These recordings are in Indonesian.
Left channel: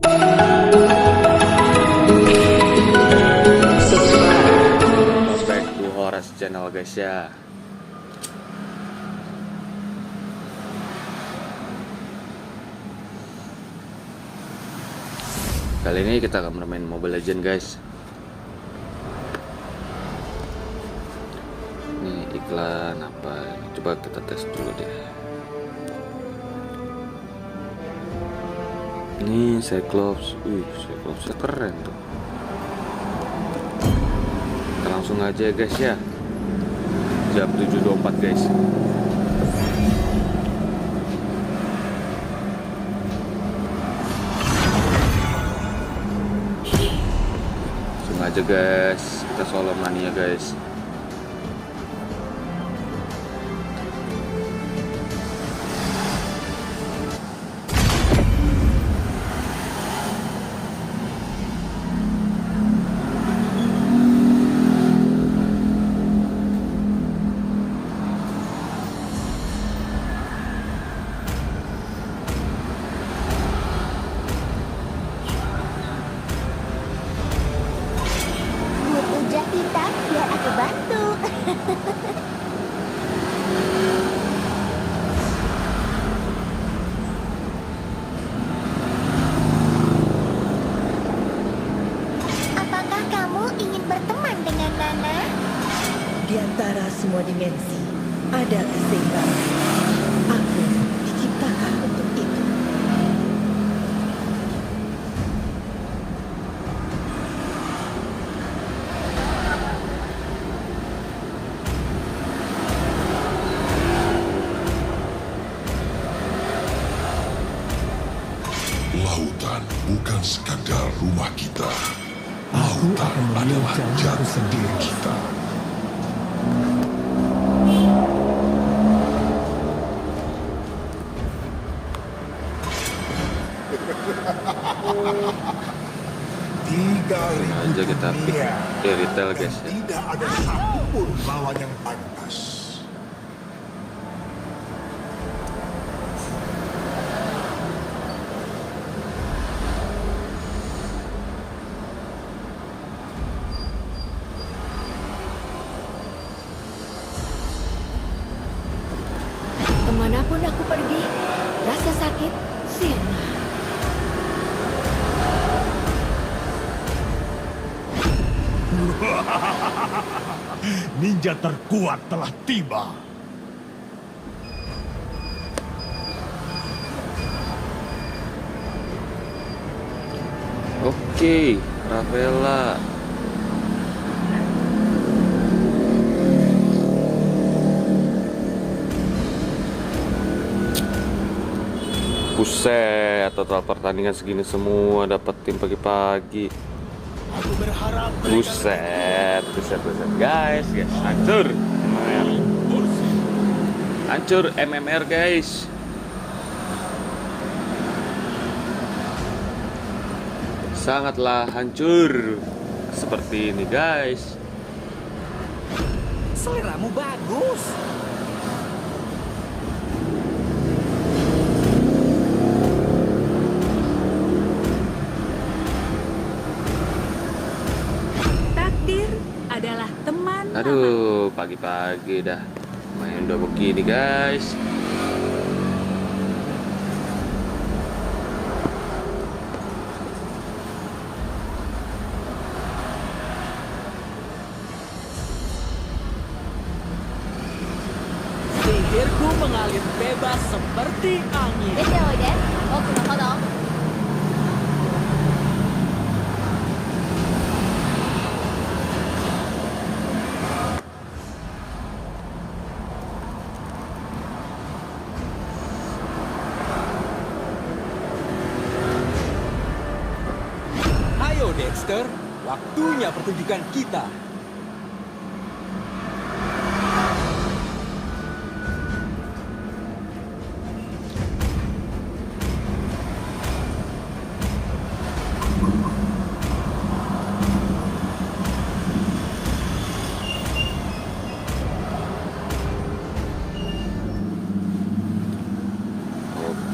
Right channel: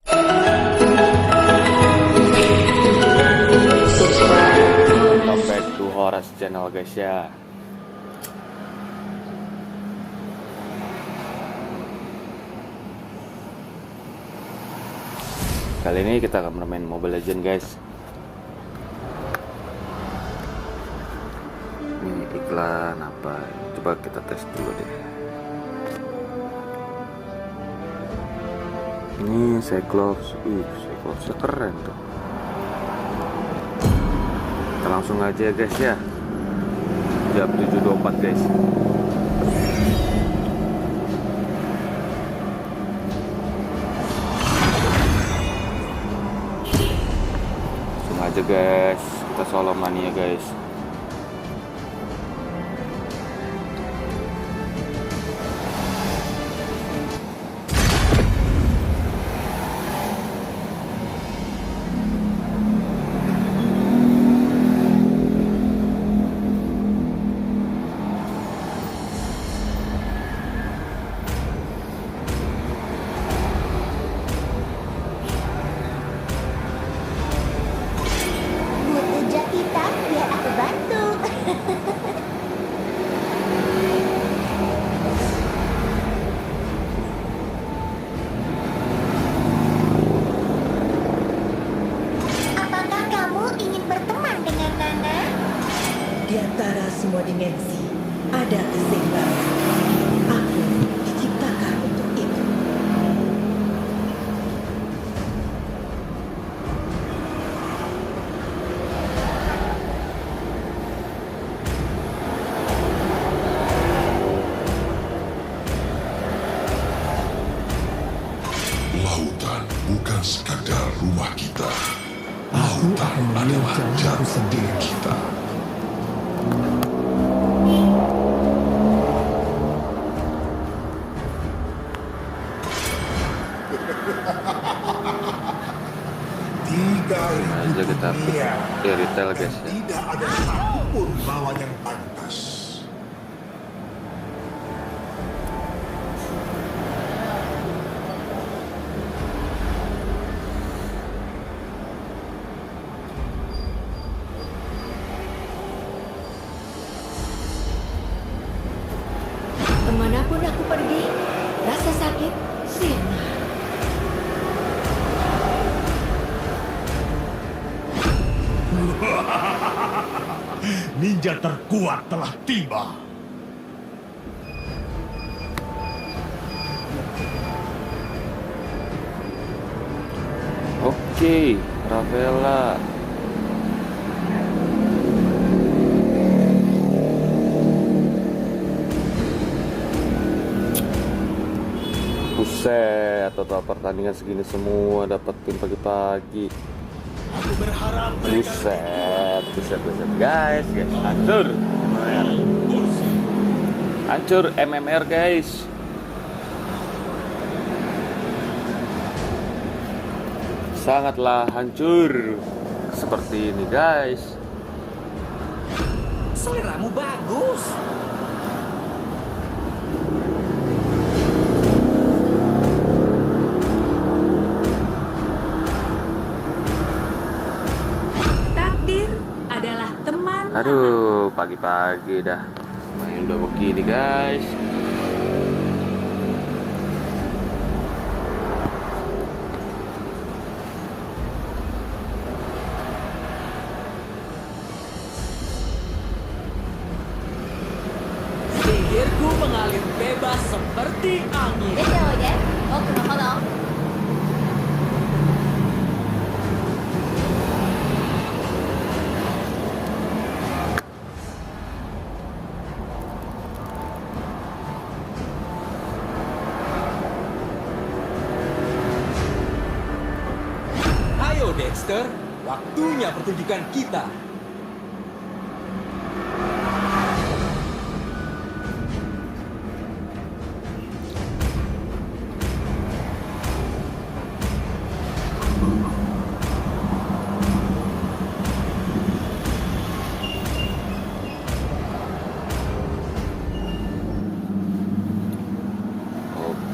Welcome back to Horas Channel guys ya. Kali ini kita akan bermain Mobile Legends guys. Ini iklan apa? Coba kita tes dulu deh. Ini Cyclops, Cyclopsnya keren tuh. Kita langsung aja guys ya. Jam 7.24 guys. Langsung aja guys. Kita solo mania guys. Biar aku bantu. Apakah kamu ingin berteman dengan Nana? Di antara semua dimensi ada keseimbangan. Aku diciptakan untuk itu. Lautan bukan sekadar rumah kita. Lautan adalah jati diri kita. Aja kita di retail guys ya. Tidak ada satupun lawan yang pantas. Kemanapun aku pergi, rasa sakit sirna. Ninja terkuat telah tiba. Oke, Ravela. Buset, total pertandingan segini semua dapetin pagi-pagi. Aku berharap Buset guys, hancur. Hancur MMR guys. Sangatlah hancur seperti ini guys. Seleramu bagus. Takdir adalah teman. Aduh, pagi-pagi dah main udah begini guys. Sihirku mengalir bebas seperti angin. 出ておいで、僕の炎。Ayo Dexter, waktunya pertunjukan kita.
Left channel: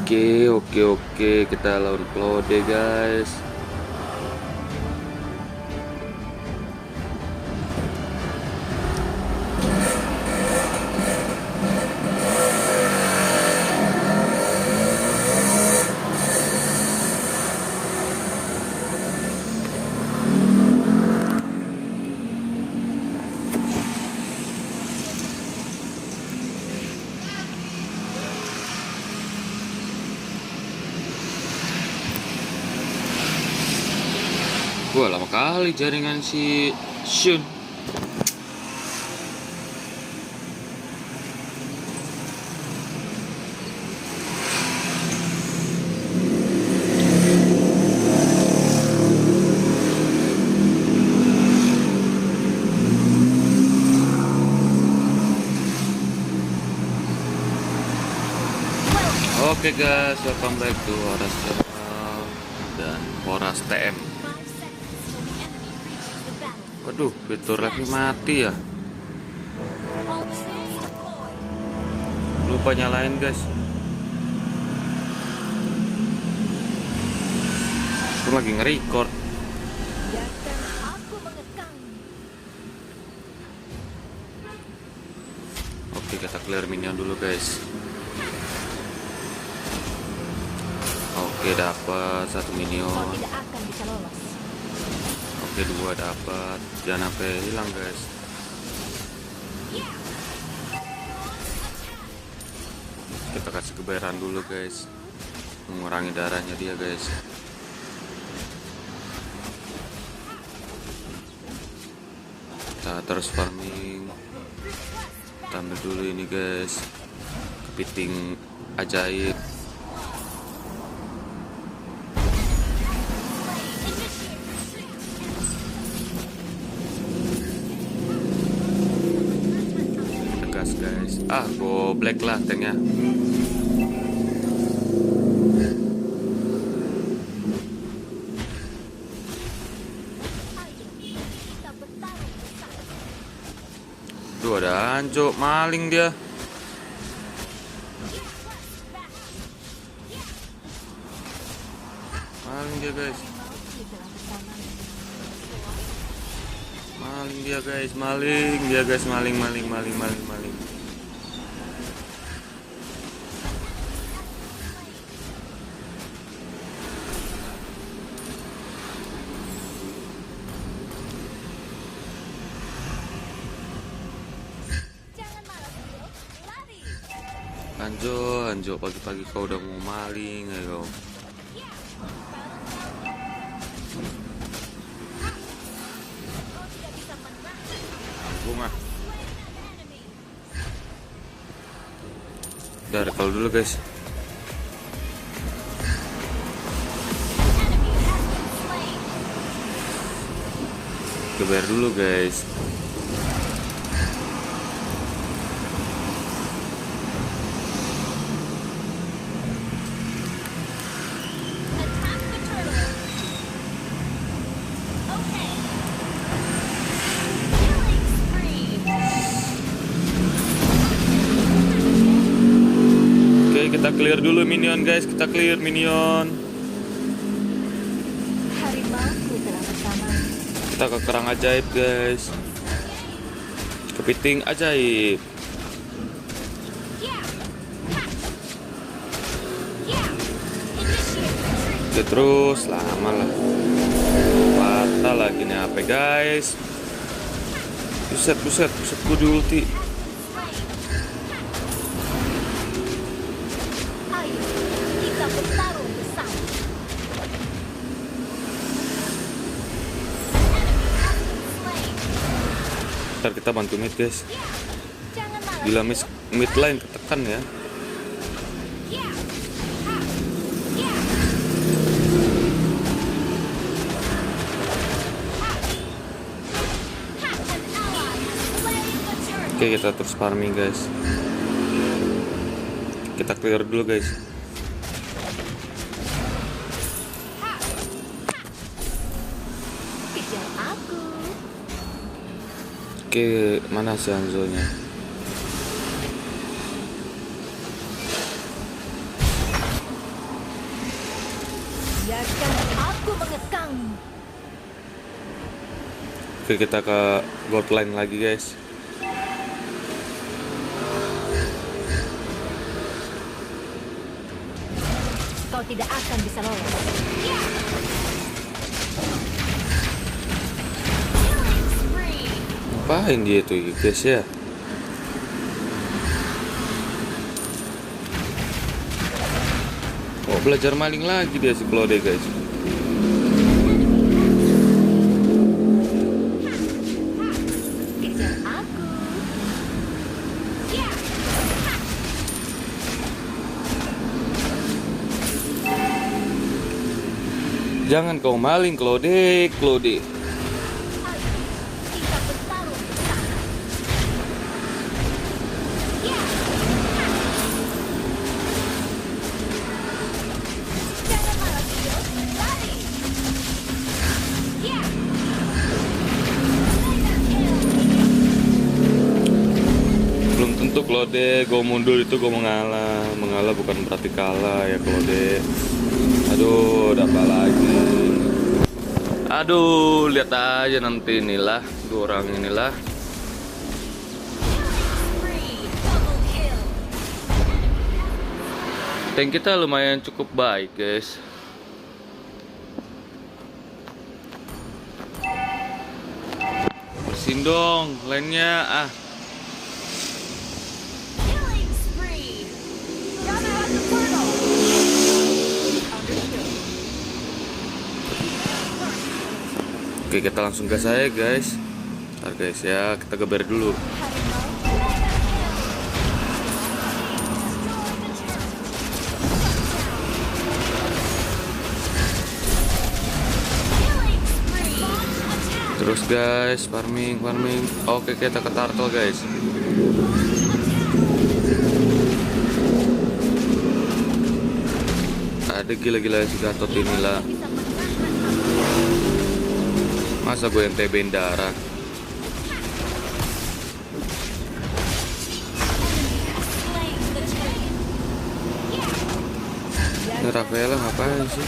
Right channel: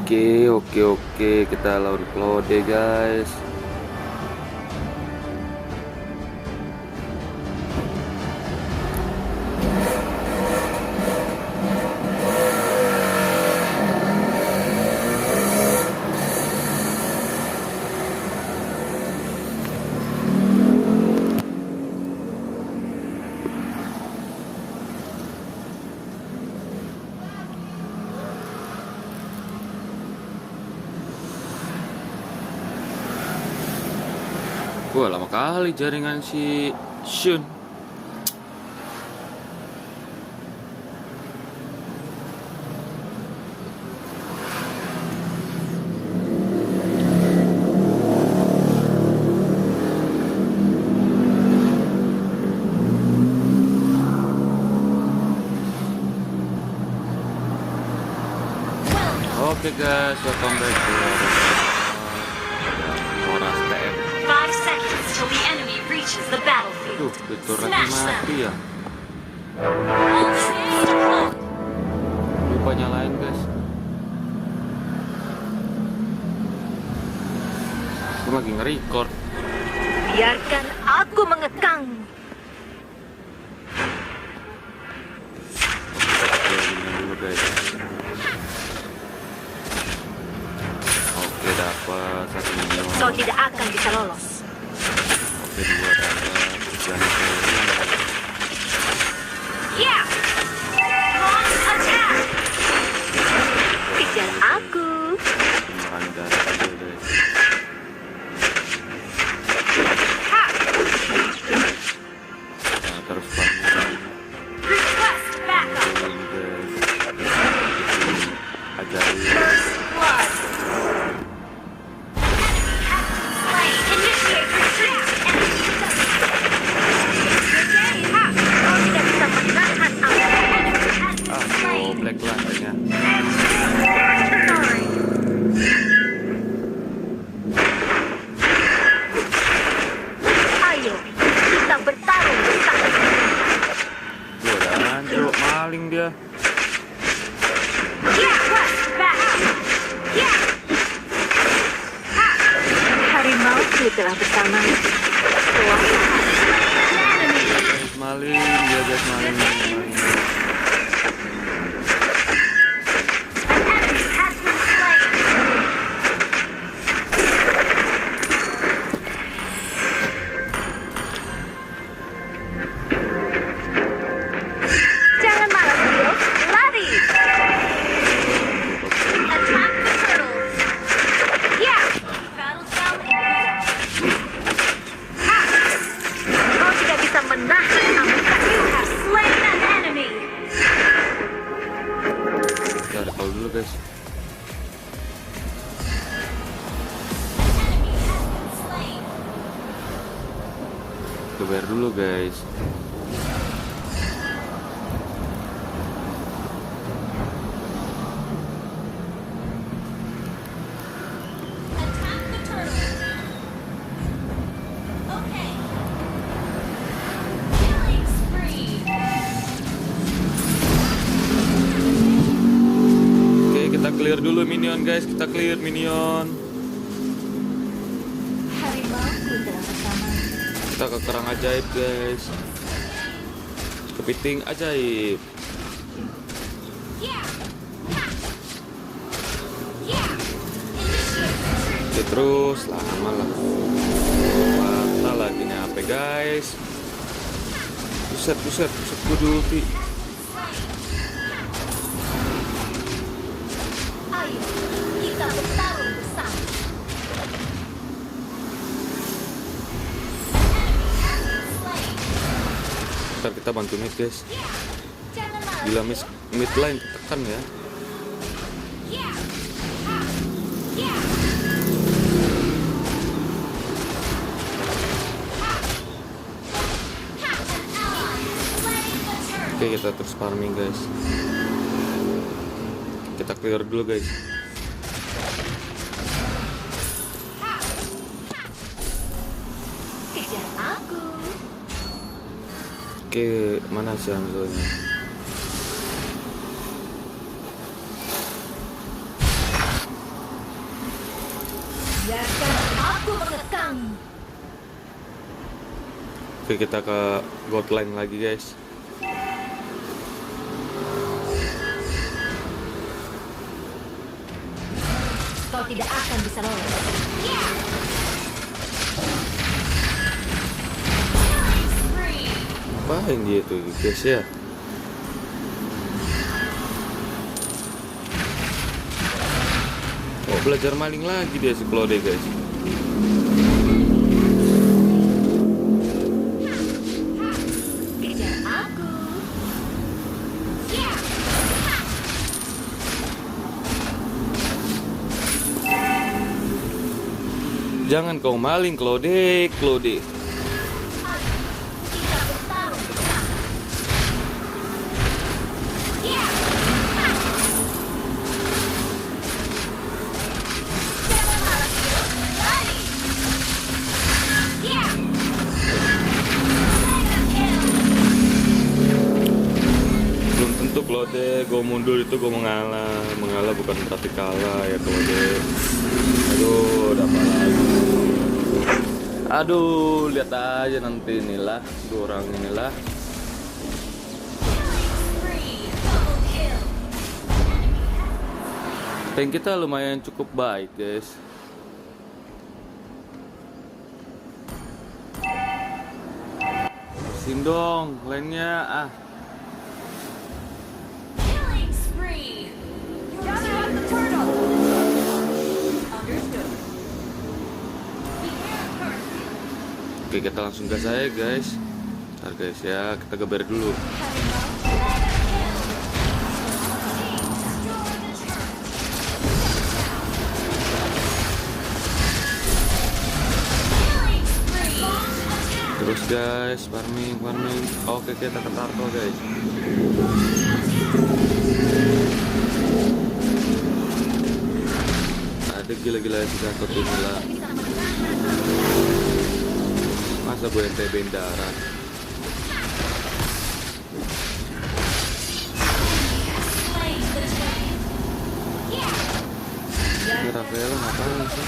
Oke, kita lawan Claude guys. Wah, lama kali jaringan si Shun. Oke guys, welcome back to Horas Channel dan Horas TM. 5 seconds till the enemy reaches the battlefield. Aduh, Victor lagi mati ya. Lupa nyalain guys. Aku lagi nge-record. Biarkan aku mengekang. Oke, kita clear minion dulu guys. Oke, dapat satu minion. Kau tidak akan bisa lolos. Oke, dua dapat. Jangan sampai hilang guys. Ya. Launch attack. Darah Kejar dulu guys. aku. Mengurangi darah aja guys. Nah, terus farming. Request Farming backup. dulu ini guys. Bikin ajaib. Initiate retreat. Kau tidak bisa menahan aku. Ah, goblek lah kayaknya. Ayo, kita bertarung bersama. Tuh ada anjo, maling dia. Harimauku telah bersama. Dia guys, maling. Dia guys, maling. Jangan marah, Leo. Lari. Tuh, anjo pakai kau udah maling. Ya. Kau tidak bisa menahan aku. You have slain an enemy. Udah recall dulu guys. Enemy has been slain. Kebayar dulu guys. Attack the turtle. Okay. Killing spree. Oke, kita clear dulu minion guys. Kita clear minion. Harimauku telah bersama. Kita ke kerang ajaib guys. Kepiting ajaib. Ya. Ya. Initiate retreat. Oke, terus lama lah. Patah lagi nih HP guys. Buset gue di ulti. Ayo, kita bertarung bersama. Enemy has been slain. Ntar kita bantu mid guys. Jangan malas. Gila mid line ketekan ya. Ya. Ha. Ya. Ha. Ha. An ally has slain the turtle. Oke, kita terus farming guys. Kita clear dulu guys. Kejar aku. Oke, mana si Hanzo-nya? Aku mengekang. Oke, kita ke gold line lagi guys. Kau tidak akan bisa lolos. Killing spree. Apain dia tuh guys ya? Oh, belajar maling lagi dia si Claude guys. Kejar aku. Yeah. Jangan kau maling Claude. Kita bertarung bersama. Yeah. Jangan lari, lari. Yeah. Mega kill. Belum tentu Claude, gue mundur itu gue mengalah. Mengalah bukan berarti kalah ya Claude. Aduh, udah apa lagi? Aduh, lihat aja nanti inilah dua orang inilah. Killing spree. Double kill. Tank kita lumayan cukup baik guys. Bersihin dong lainnya ah. Killing spree. Gather up the portal. Understood. Oke, kita langsung gas aja guys. Ntar guys ya, kita geber dulu. Harimau. Mega kill. Destroy the turret. Killing spree. Launch attack. Terus guys, farming. Oke, kita ke turtle guys. Ada gila-gila si Gatot inilah. Masa gue yang TB-in darah. Slain the dragon. Yeah. Ini Rafaela ngapain sih? You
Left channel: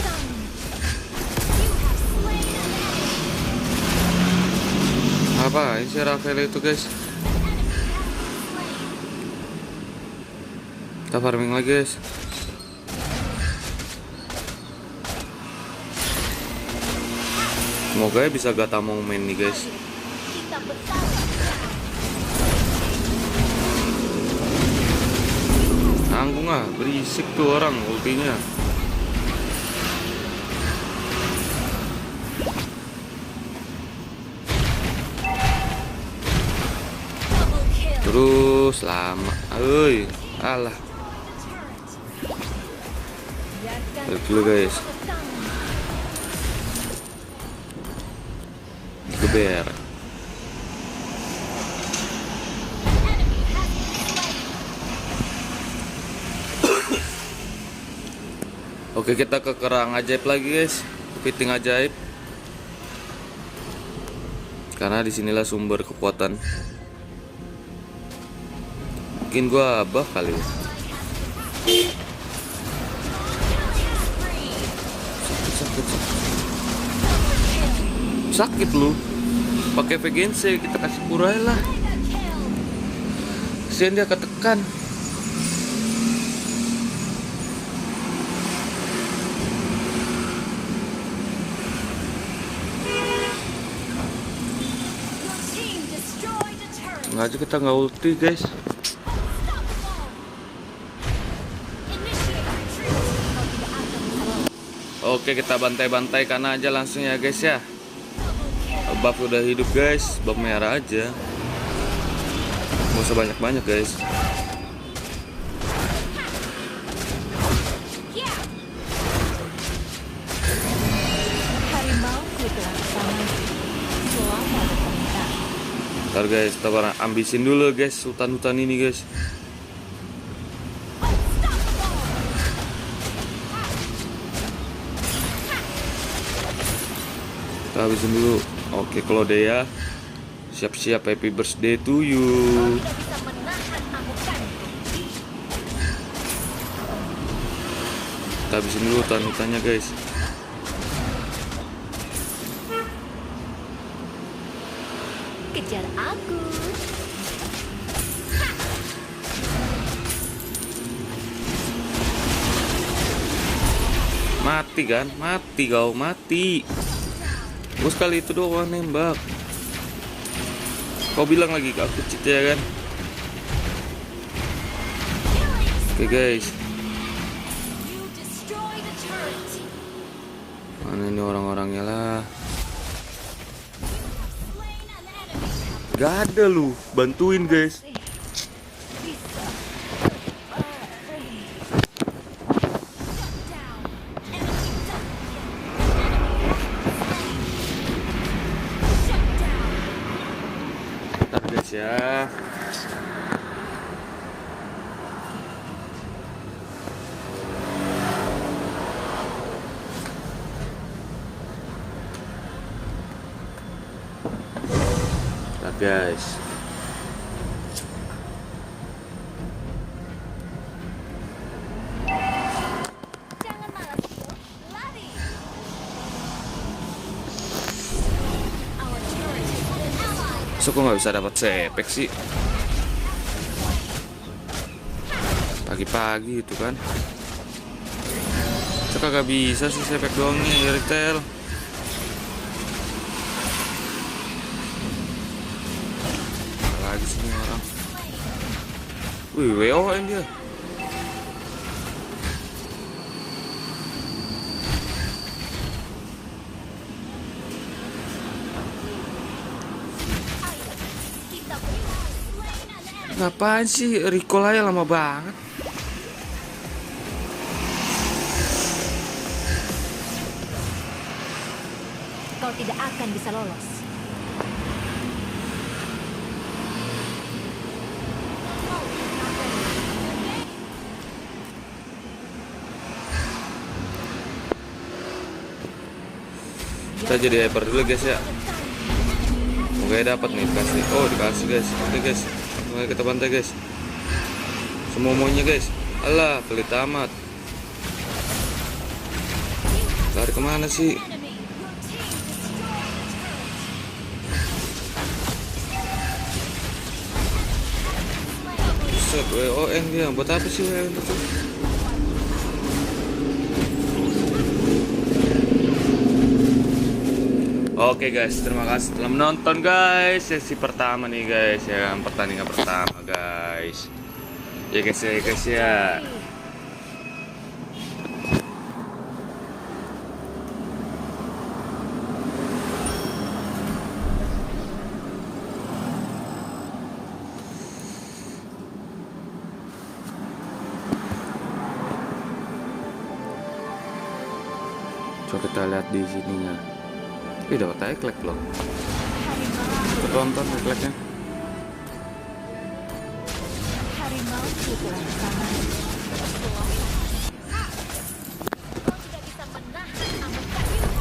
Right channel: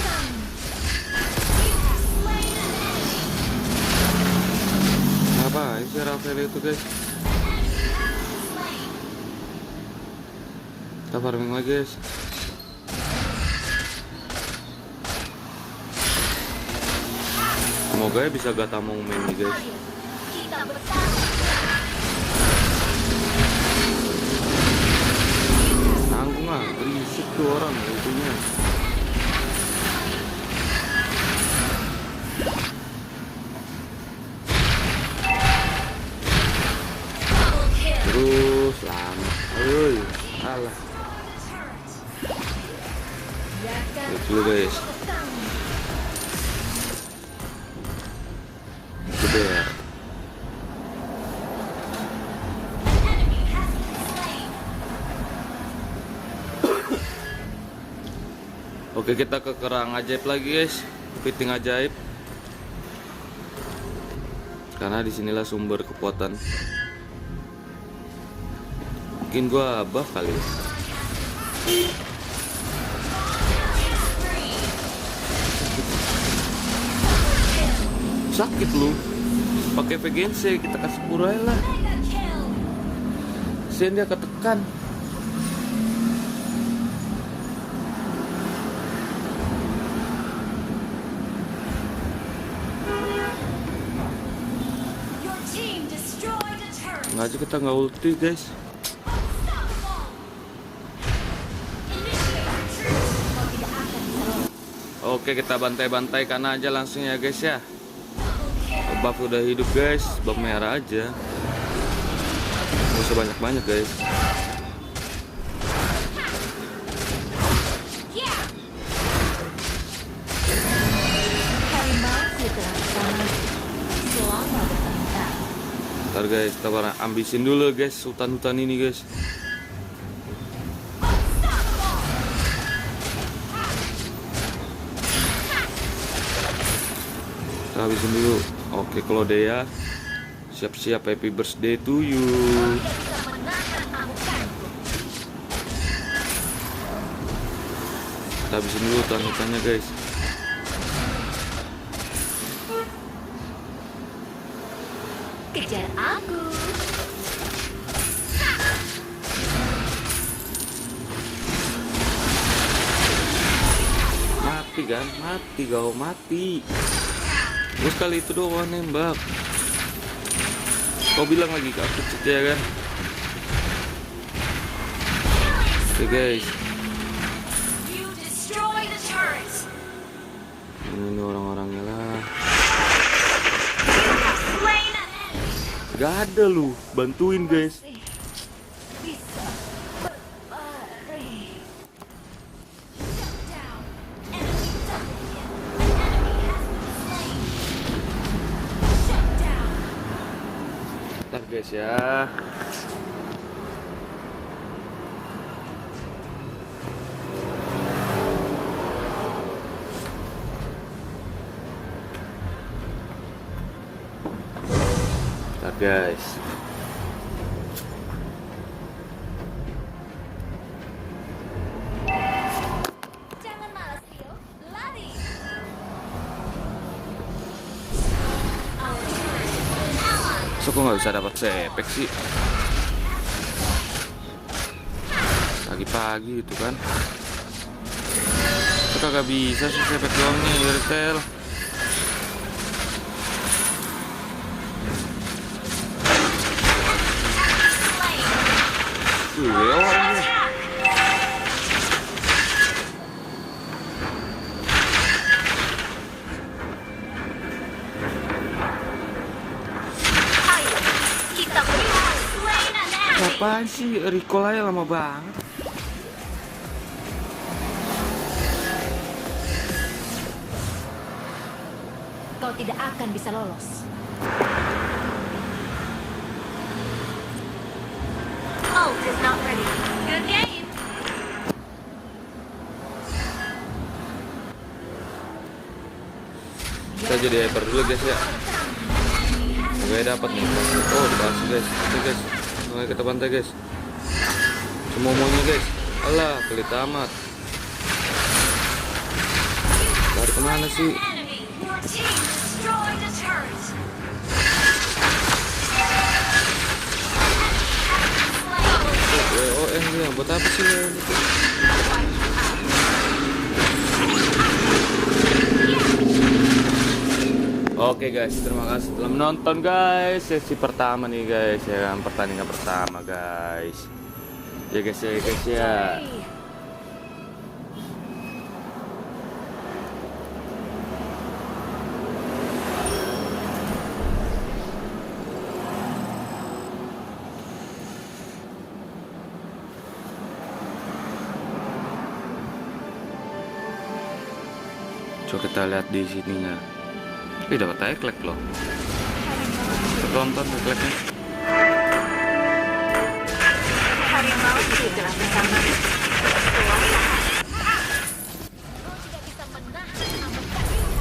have slain an enemy. Ngapain sih Rafaela itu guys? Slain. Kita farming lagi guys. Semoga ya bisa gata mau main nih guys. Kita bertarung. Tanggung ah, berisik tuh orang ultinya. Double kill. Terus lama. Euy, alah. Lihat dulu guys. Geber. Enemy has been slain. Oke, kita ke kerang ajaib lagi guys. Kepiting ajaib. Karena disinilah sumber kekuatan. Mungkin gua buff kali ya. Sakit lu. Pakai VGNC kita kasih pura lah. Mega kill. Kesian dia ketekan. Your team destroyed a turret. Nggak aja kita nggak ulti guys. Unstoppable. Initiate retreat. Kau tidak akan bisa lolos. Oke, kita bantai-bantai karena aja langsung ya guys ya. Double kill. Buff udah hidup guys, buff merah aja. Gak usah banyak-banyak guys. Yeah. Harimauku telah bersama. Selamat bertengkar. Ntar guys, kita ambisin dulu guys hutan-hutan ini guys. Kita habisin dulu. Oke, Claudia, siap-siap, happy birthday to you. Tidak bisa menahan amukanku. Kita habisin dulu hutan-hutannya guys. Kejar aku. Mati kan? Mati kau, mati. Gue sekali itu doang nembak. Kau bilang lagi ke aku cheat ya kan? Oke guys. You destroy the turrets. Mana ini orang-orangnya lah? Slain an enemy. Gak ada lu, bantuin guys. Bisa. Shut down. Enemy double kill. An enemy has been slain. Shut down. Bentar guys ya. Bentar guys. Jangan malas, Phil. Lari. Our turret has been ally. So kok nggak bisa dapat sepek sih? Pagi-pagi itu kan. So kagak bisa sih sepek doang nih retail. Wih, WO aja. Kita berikan slain an enemy. Apaan sih? Recall aja lama banget. Kau tidak akan bisa lolos. Oh, another good game. Kita jadi hyper dulu guys ya. Semoga dapat nih kasih. Oh dikasih guys. Oke guys. Oke kita pantai guys. Semuanya guys. Alah pelit amat. Lari kemana sih? Enemy. Your team destroyed the turrets. Set WON dia. Buat apa sih WON itu? Oke guys, terima kasih telah menonton guys sesi pertama nih guys ya kan, pertandingan pertama guys. Ya guys ya guys ya. Coba kita lihat di sininya. Dapat eklek loh. Tonton ekleknya.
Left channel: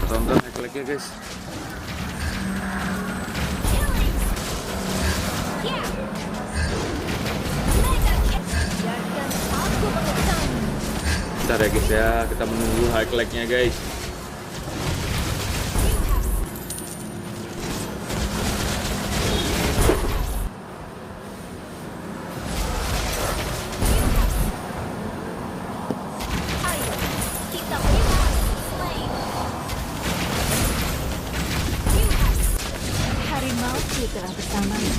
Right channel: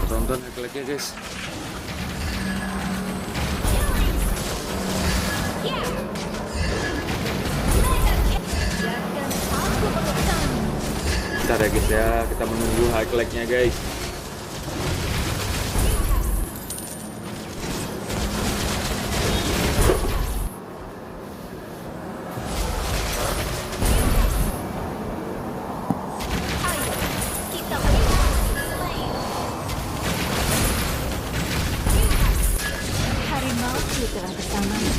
Tonton ekleknya guys. Biarkan aku mengetahui. Bentar ya guys ya, kita menunggu ekleknya guys. Kita berikan slain. Harimauku telah bersamamu.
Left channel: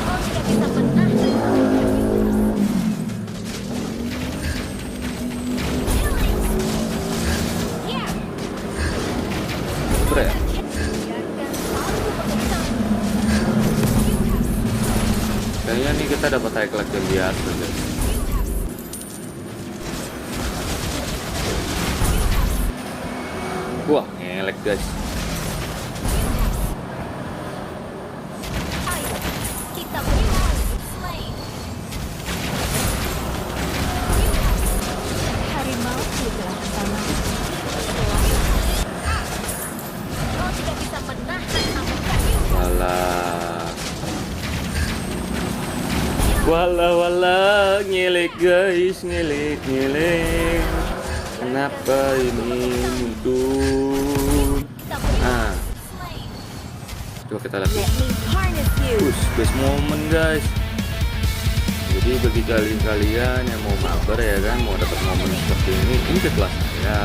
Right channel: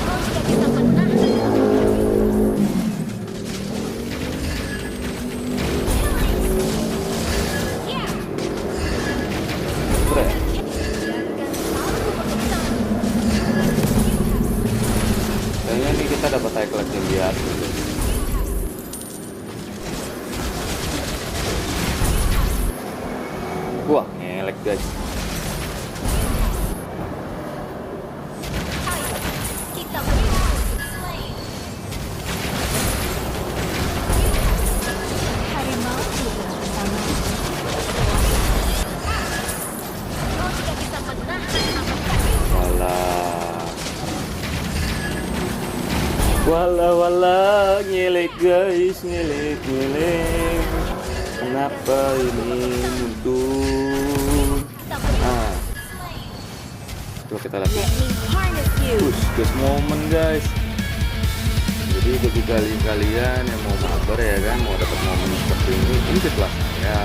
Kau tidak bisa menahan aku. Yeah. Bre. Biarkan aku mengetahui. Kayaknya nih kita dapat eklek yang di atas guys. Wah, ngelek guys. Ayo, kita berikan slain. Harimauku telah bersamamu. Kau tidak bisa menahan aku. Walah, ngelek guys, ngelek. Kenapa ini muncul? Kita berikan Ah, slain. Coba kita lihat. Let me harness you. Push, guys, momen guys. Jadi bagi kalian yang mau mabar ya kan, mau dapat momen seperti ini setelah saya.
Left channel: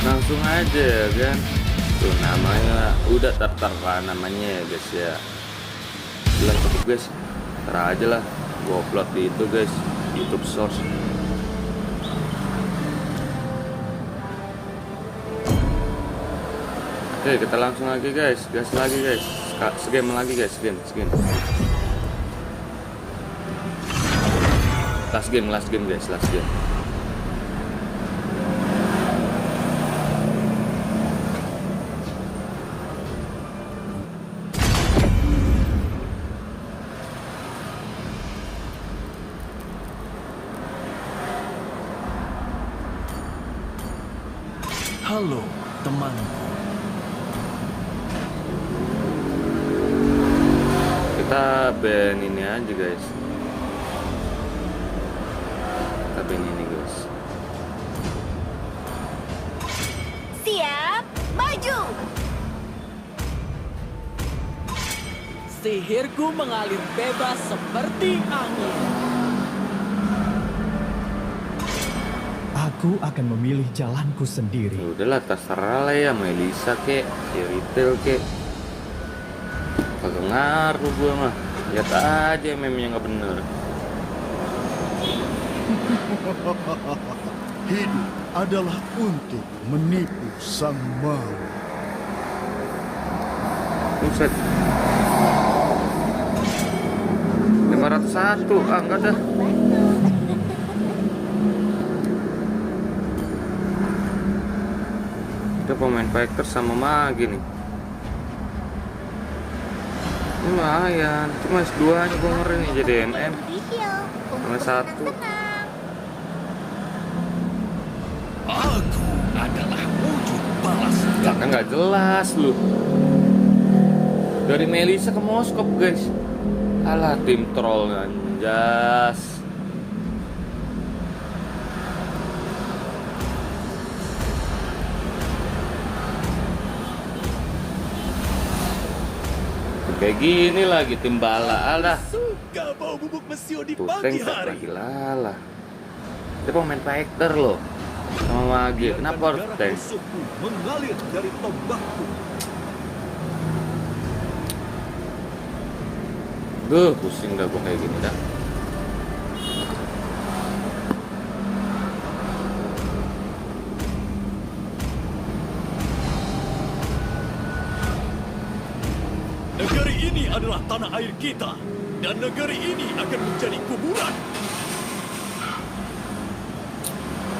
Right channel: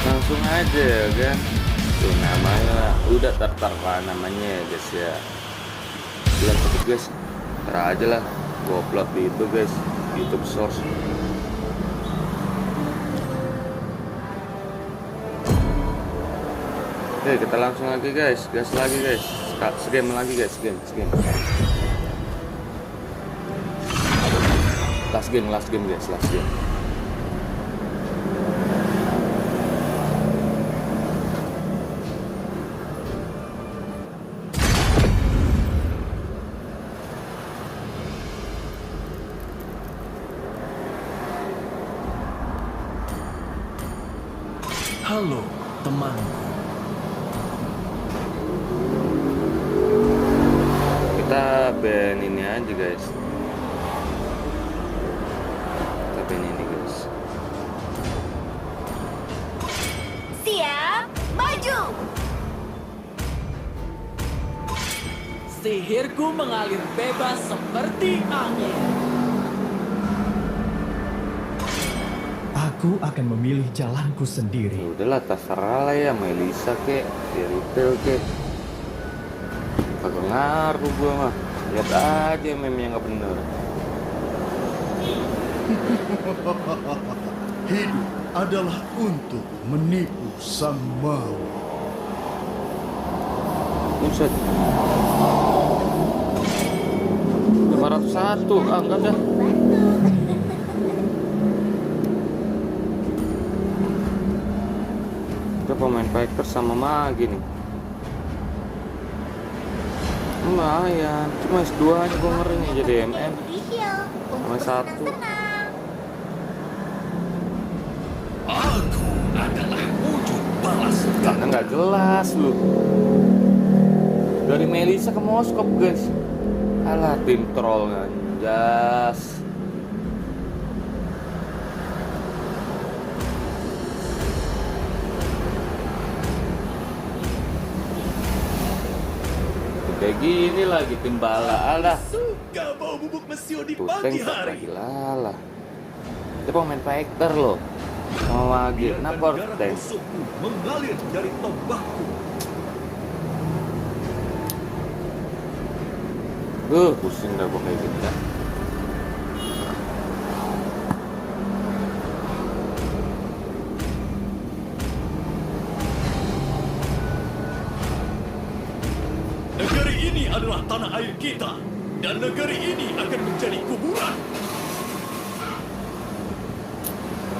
Langsung aja ya kan. Tuh namanya udah tertera namanya ya guys ya. Bilang cepet guys. Ntar aja lah. Gua upload di itu guys, YouTube Source. Oke, kita langsung lagi guys, gas lagi guys, segame lagi guys, game. Last game guys, last game. Halo, temanku. Kita ban ini aja guys. Kita ban ini guys. Siap, maju. Sihirku mengalir bebas seperti angin. Aku akan memilih jalanku sendiri. Udahlah terserah lah ya, Melisa kek, retail kek. Kagak ngaruh gua mah. Lihat aja meme-nya nggak bener. Hidup adalah untuk menipu sang maut. Buset. 501, enggak dah. Kita pemain fighter sama Magi nih. Lumayan, cuma S2 nya gue ngeri nih jadi MM sama 1. Aku adalah wujud balas Karena nggak jelas lu. Dari Melisa ke Moskop guys. Alah tim troll anjas. Kayak gini lagi tim bala alah. Suka bau bubuk mesio di Tuh pagi tank hari. lagi lala. Dia pemain fighter loh. Sama Magi. Kenapa harus tank? musuhku mengalir dari tombakku. Pusing dah gua kayak gini dah. Negeri ini adalah tanah air kita, dan negeri ini akan menjadi kuburan.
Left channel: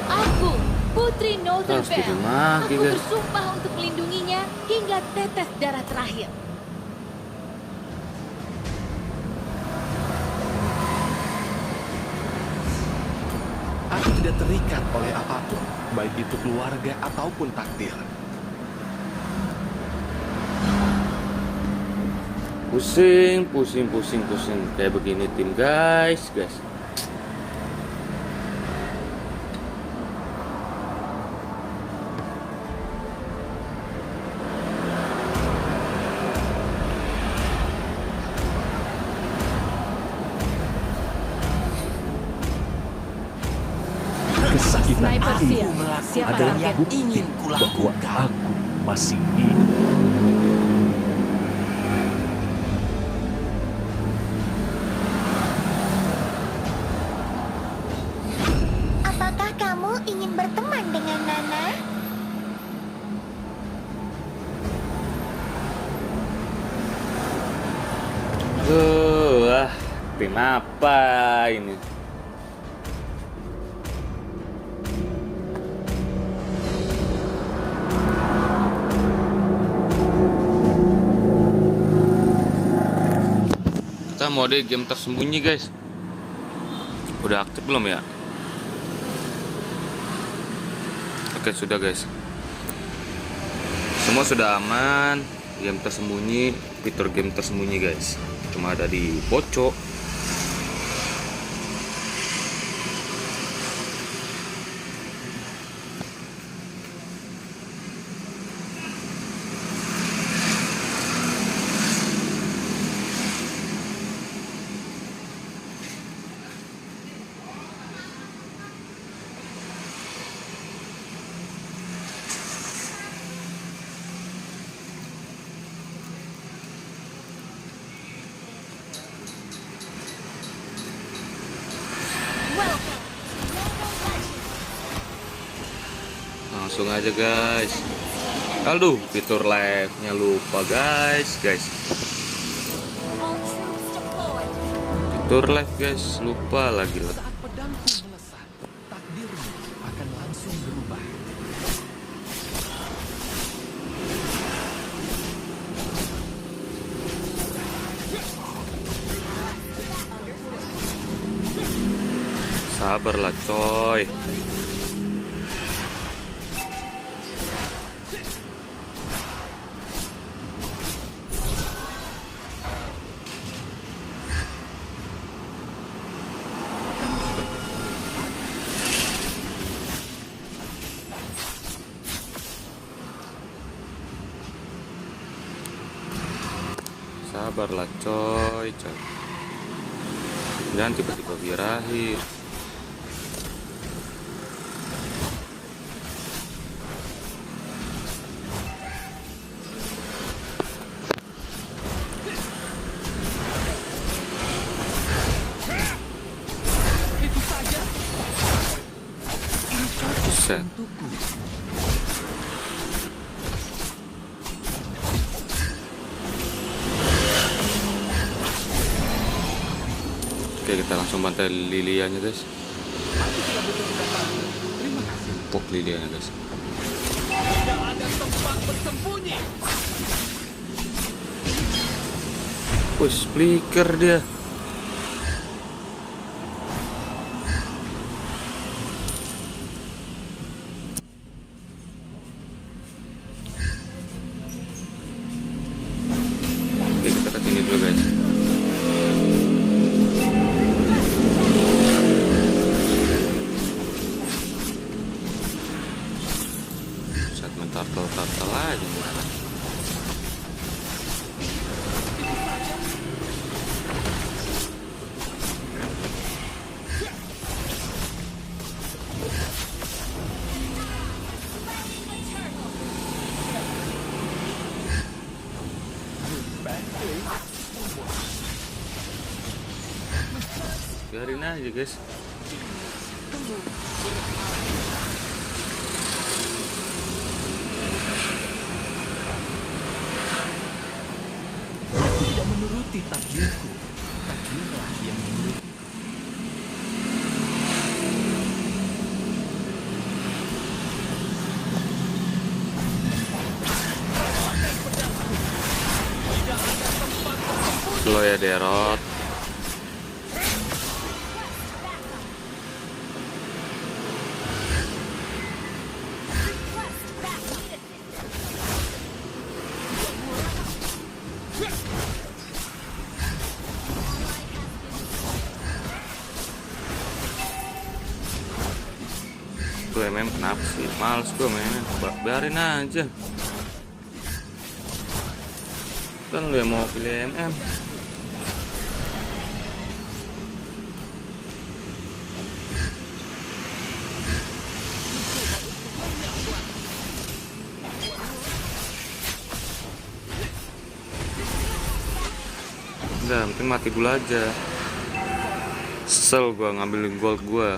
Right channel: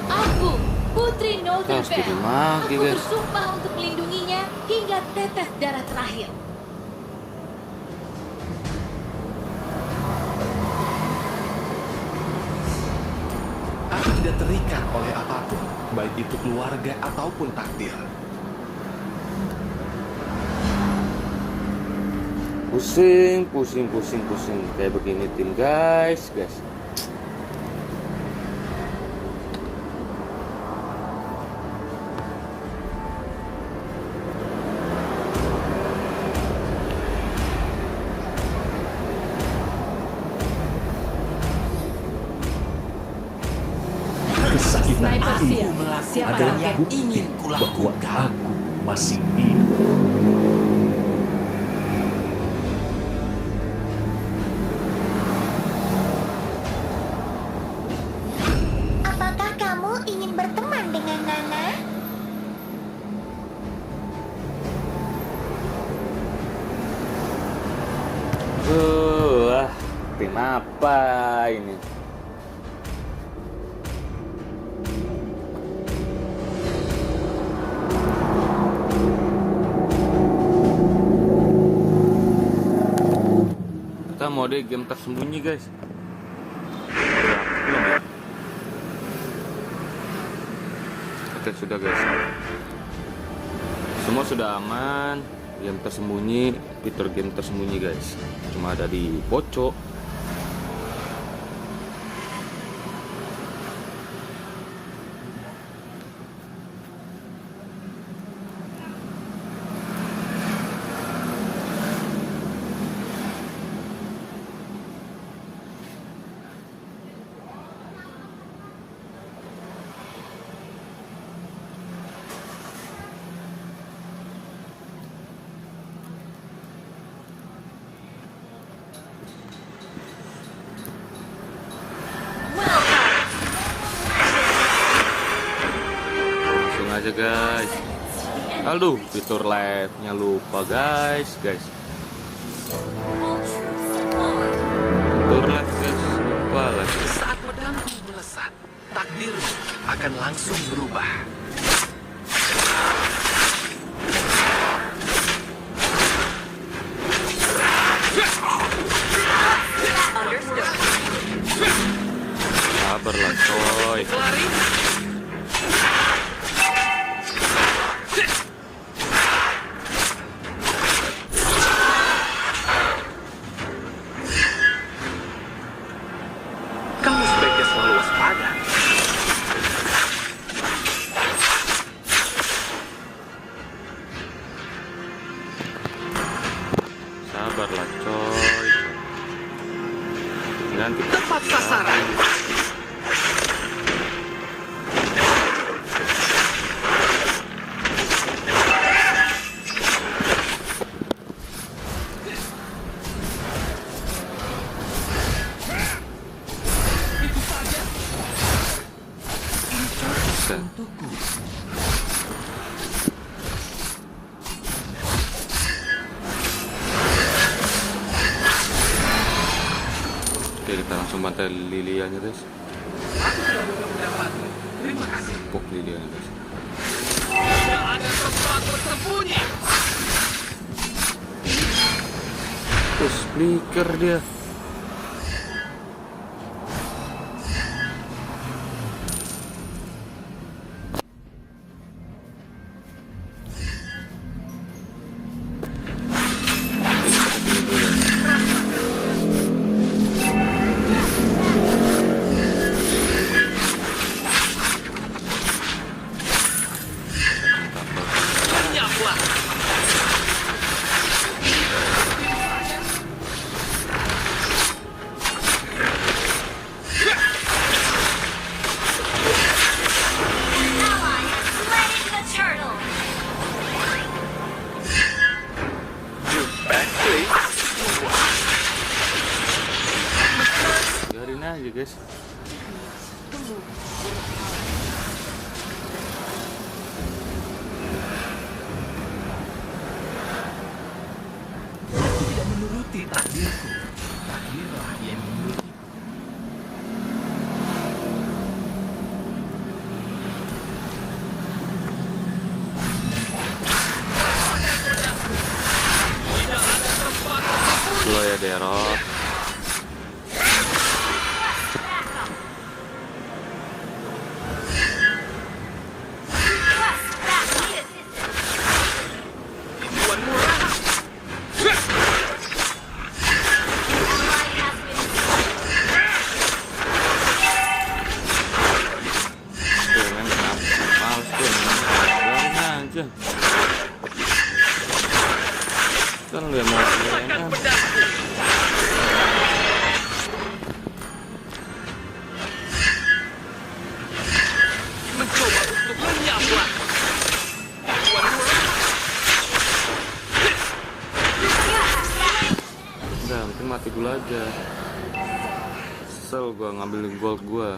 Aku, Putri Harus jadi Northernvale. Magi, Aku guys. bersumpah untuk melindunginya hingga tetes darah terakhir. Aku tidak terikat oleh apapun, baik itu keluarga ataupun takdir. Pusing kayak begini tim guys. Kesakitan Sniper itu siap. Siapa adalah target? bukti ingin bahwa kulakukan. aku masih hidup. Apakah kamu ingin berteman dengan Nana? Tim apa ini? Kita mode game tersembunyi guys. Udah aktif belum ya? Oke sudah guys. Semua sudah aman. Game tersembunyi, fitur game tersembunyi guys. Cuma ada di Poco. langsung aja guys. Aduh, fitur live-nya lupa guys. All troops deployed. Fitur live guys, lupa lagi. Saat pedangku melesat, takdirmu akan langsung berubah. Sabarlah coy. Kamu sebaiknya selalu waspada. Sabarlah coy. Jangan kita lari. Buset. Untukku. Oke, kita langsung bantai Lilianya guys. Pok Lilianya guys. Push flicker dia. Oke, kita kesini dulu guys. Satu tapel lagi. Slain the turtle. Biarin aja guys. Aku tidak menuruti takdirku. Takdirlah yang menurutiku. Slow ya Derot. Tuh men, kenapa sih? Males tuh men. Biarin aja. Kan lu yang mau IMM. Udah, penting mati dulu aja. Kesel gua ngambilin gold gua.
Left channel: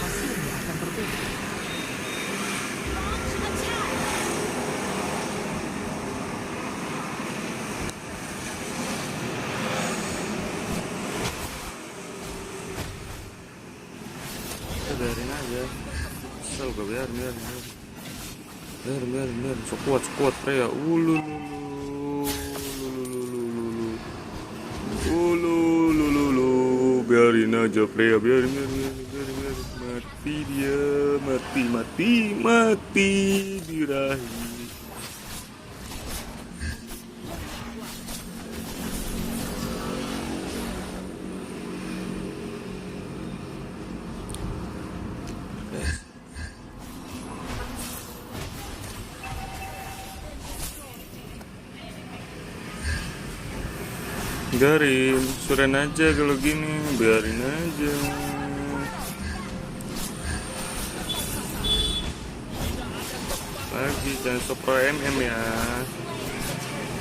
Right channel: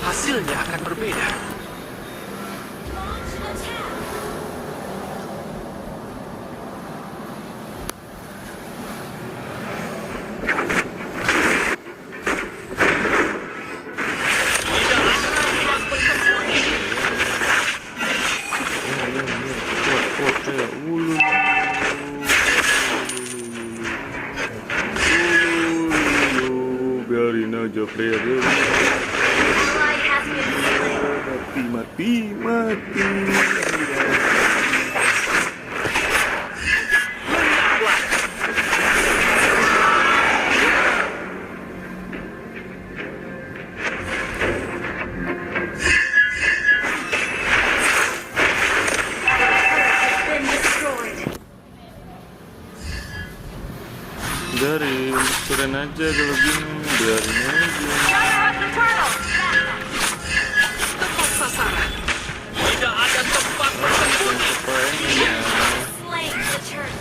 Hasilnya akan berbeda. Launch attack. Sekuat ya. Ulu. Biarin aja Freya, biarin. Mati. Gila. Been destroyed. Biarin, suren aja kalau gini, biarin aja. Lagi kan ke PMN ya. Slain the turtle.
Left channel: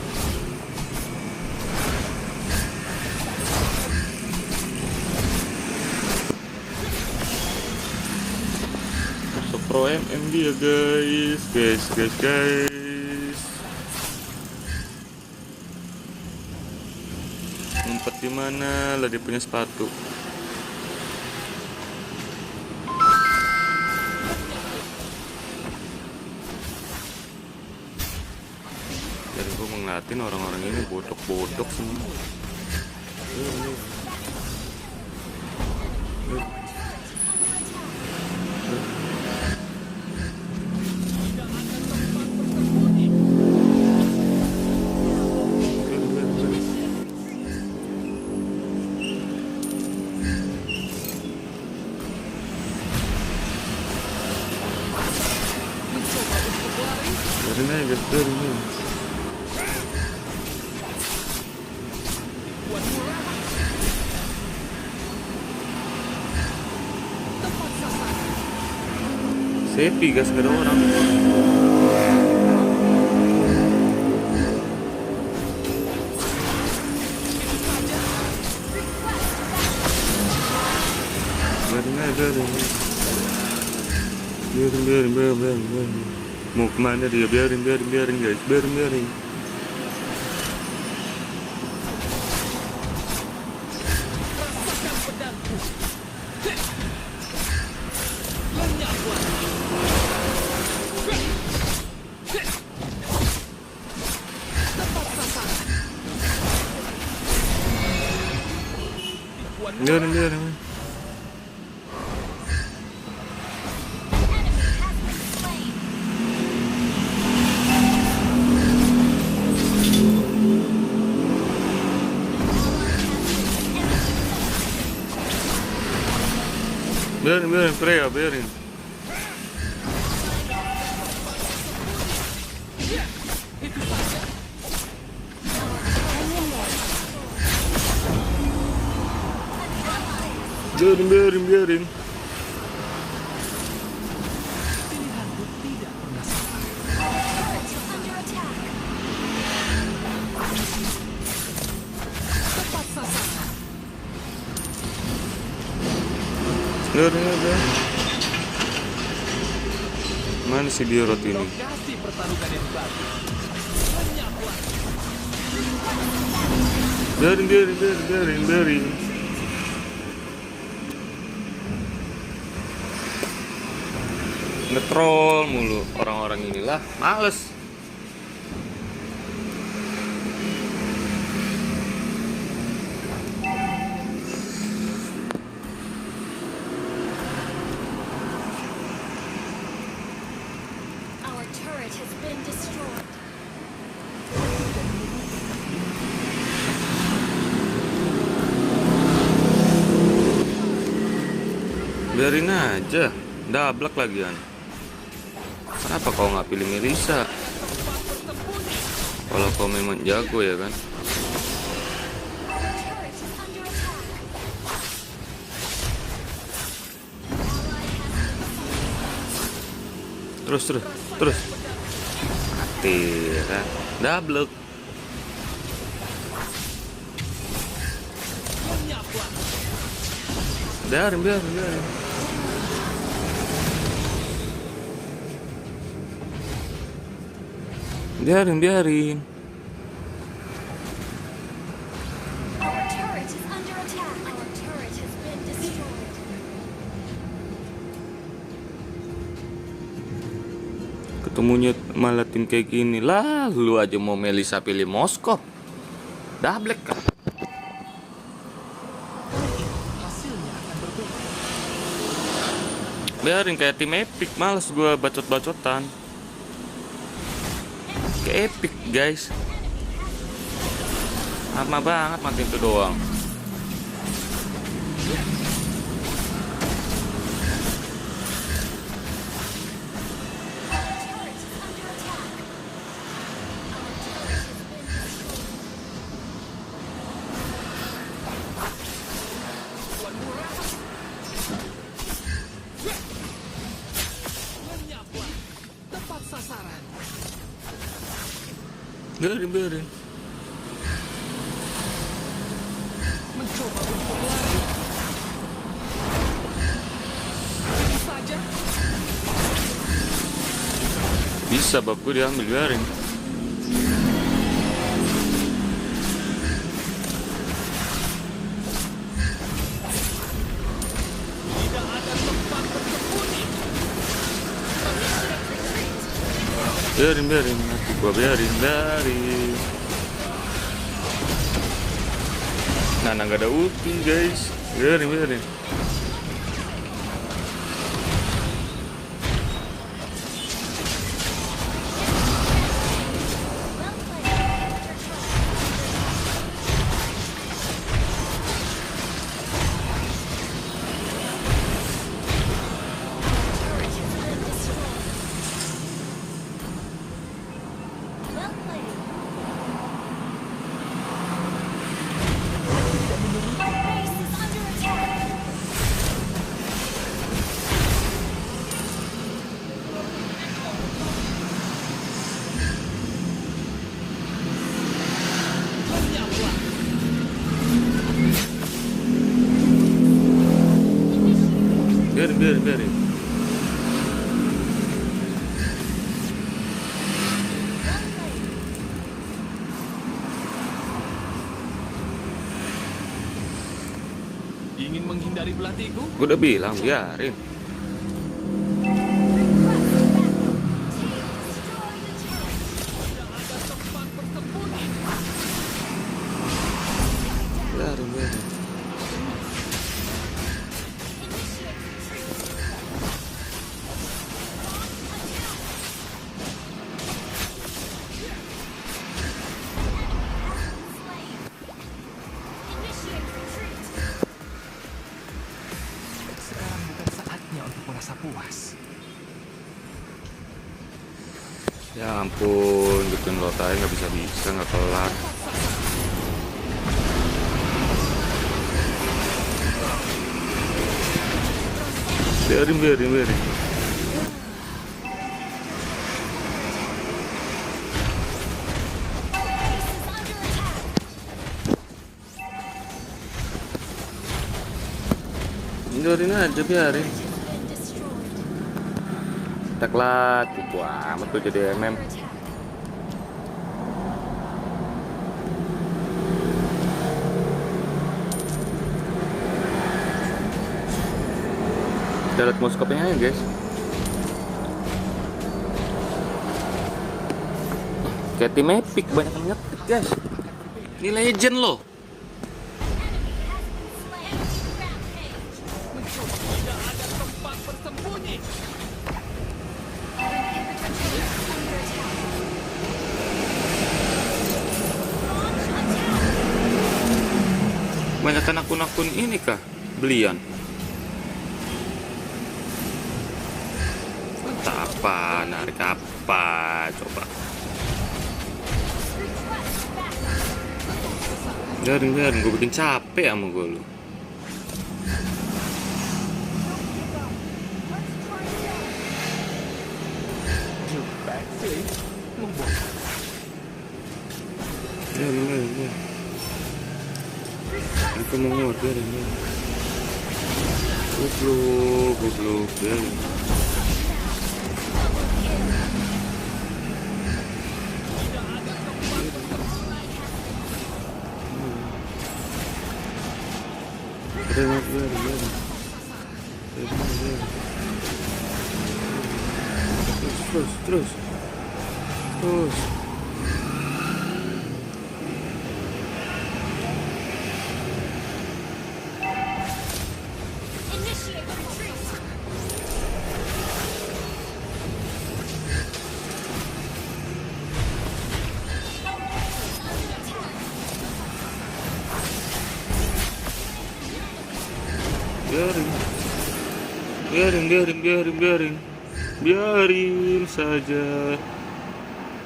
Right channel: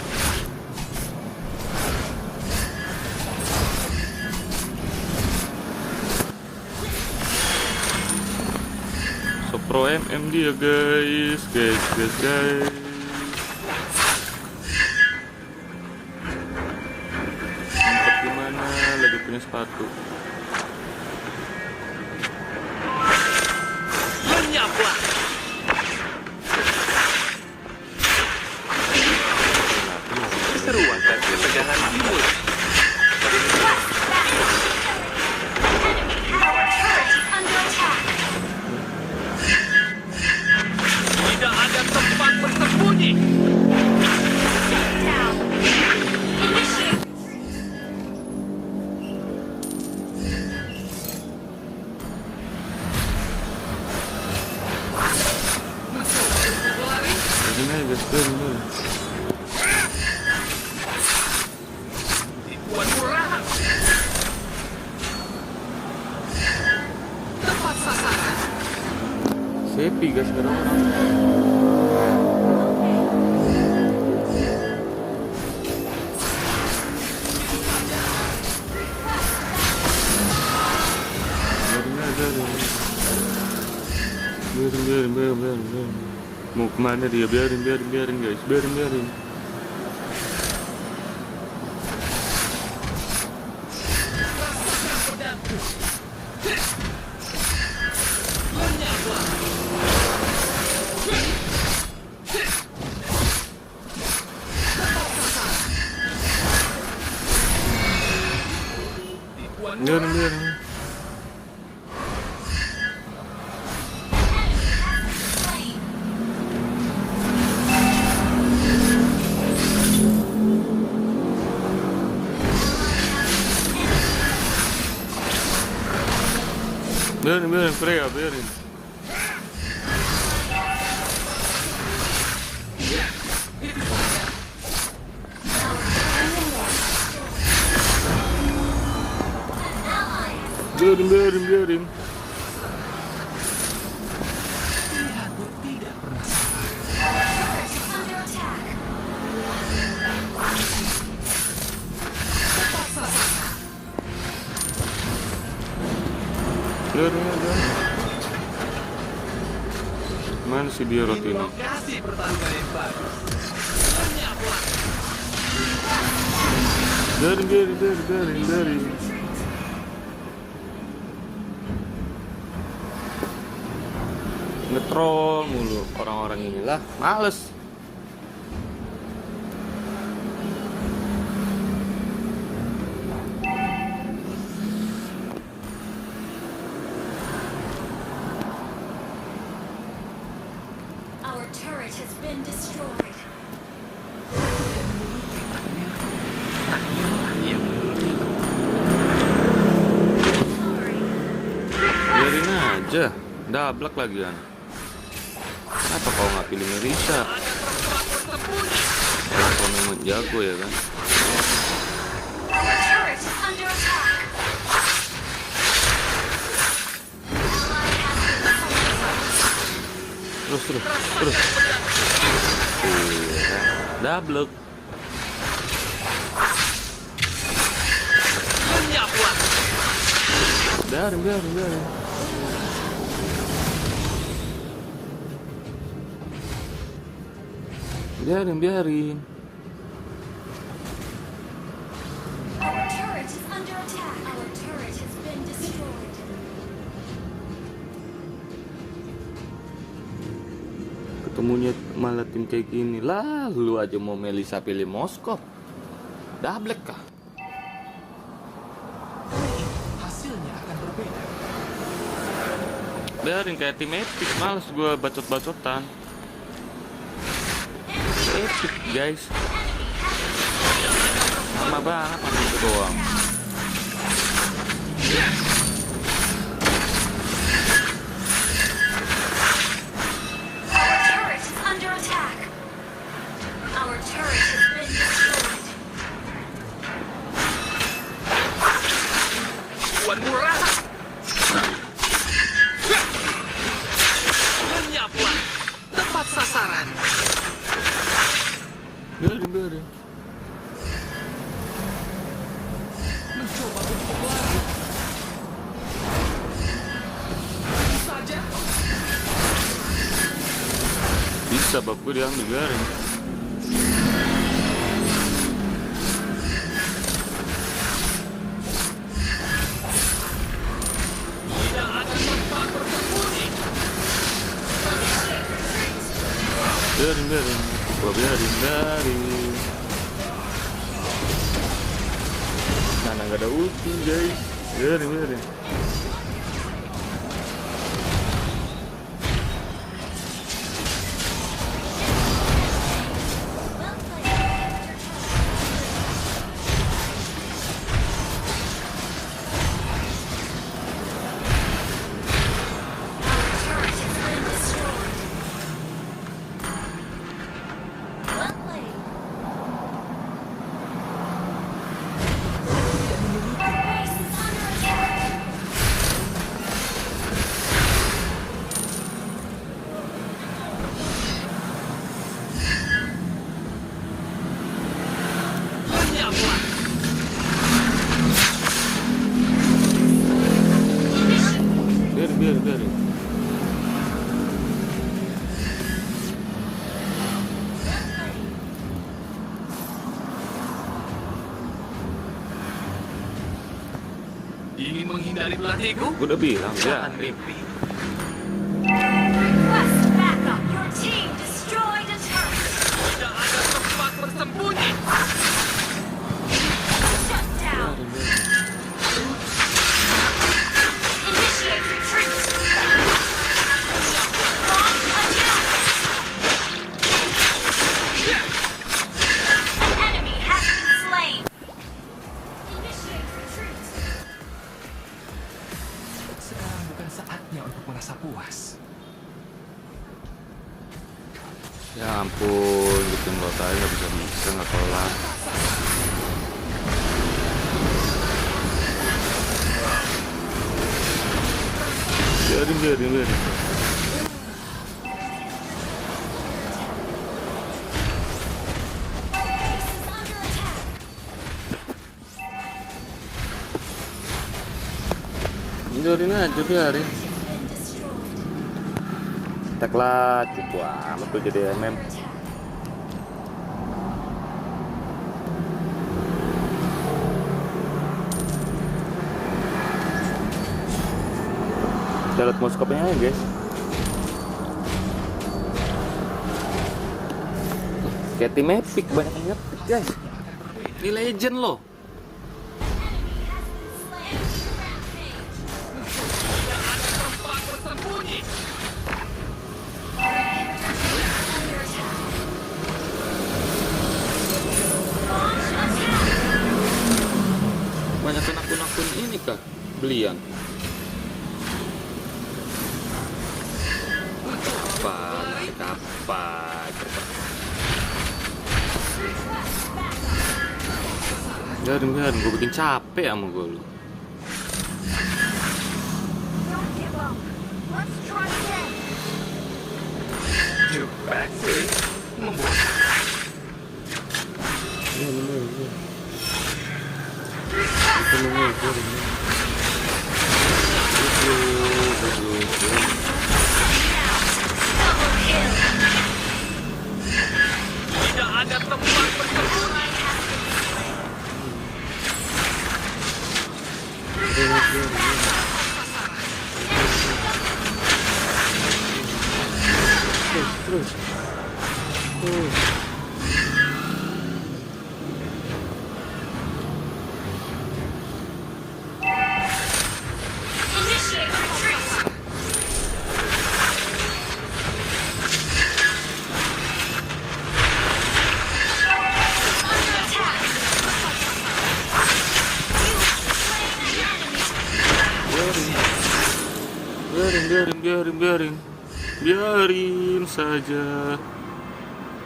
Pro MM dia guys. Ngumpet gimana lagi punya sepatu. Ngeliatin orang-orang ini botak-botak. Tidak ada tempat bersembunyi. Biarin aja guys, biarin aja. Sepi guys, gak ada orang. Biarin. Mau kemana dia? Biarin guys, biarin. Biarin. Biarin, Freya, biarin. Biarin. Under attack. Biarin. Mana si Diorot ini? Lokasi pertarungan yang bagus. Biarin. Ngetrol mulu orang-orang inilah, males. Our turret has been destroyed. Biarin aja, dablek lagian. Kenapa kau nggak pilih Melissa? Kalau kau memang jago ya kan? Turret under attack. Terus. Iya, dablek. Biarin. Biarin. Our turret is under attack. Our turret has been destroyed. Ketemunya malah tim kayak gini lah. Lu aja mau Melissa pilih Moskov. Dablek kah? Hasilnya akan berbeda. Biarin kayak tim Epic. Males gue bacot-bacotan. Epic guys, lama banget makin itu doang. Our turret is under attack. Our turret has been destroyed. Tepat sasaran. Biarin. Mencoba untuk lari. Tentu saja. Bisa baku diambil, biarin. Biarin, gua biarin. Nana nggak ada ulti guys, biarin. Biarin. Ingin menghindari pelatihku? Gue udah bilang biarin. Request backup. Your team destroyed a turret. Tempat bersembunyi. Shut down. Biarin. Initiate retreat. An enemy has been slain. Initiate retreat. Sekarang bukan saatnya untuk merasa puas. Ya ampun, bikin lotai nggak bisa nggak kelar. Biarin. Base is under attack. Biarin aja, biarin. Has been destroyed. Tak lah, cukup amat tuh jadi MM. Under attack. Kita lihat moskopnya aja guys. Kayak tim epic, banyak yang ngetik guys. Ini legend loh. Enemy has been slain. Rampage. Tempat bersembunyi. Inhibitor turret under attack. Launch attack. Banyak akun-akun ini kah? Belian. Apa coba. Request backup. Biarin, gue bikin capek sama gue lu. Let's try again. Biarin. Itu biarin. Biarin. Tidak ada tempat bersembunyi. Biarin. Terus. Initiate retreat. Under attack. Biarin saja.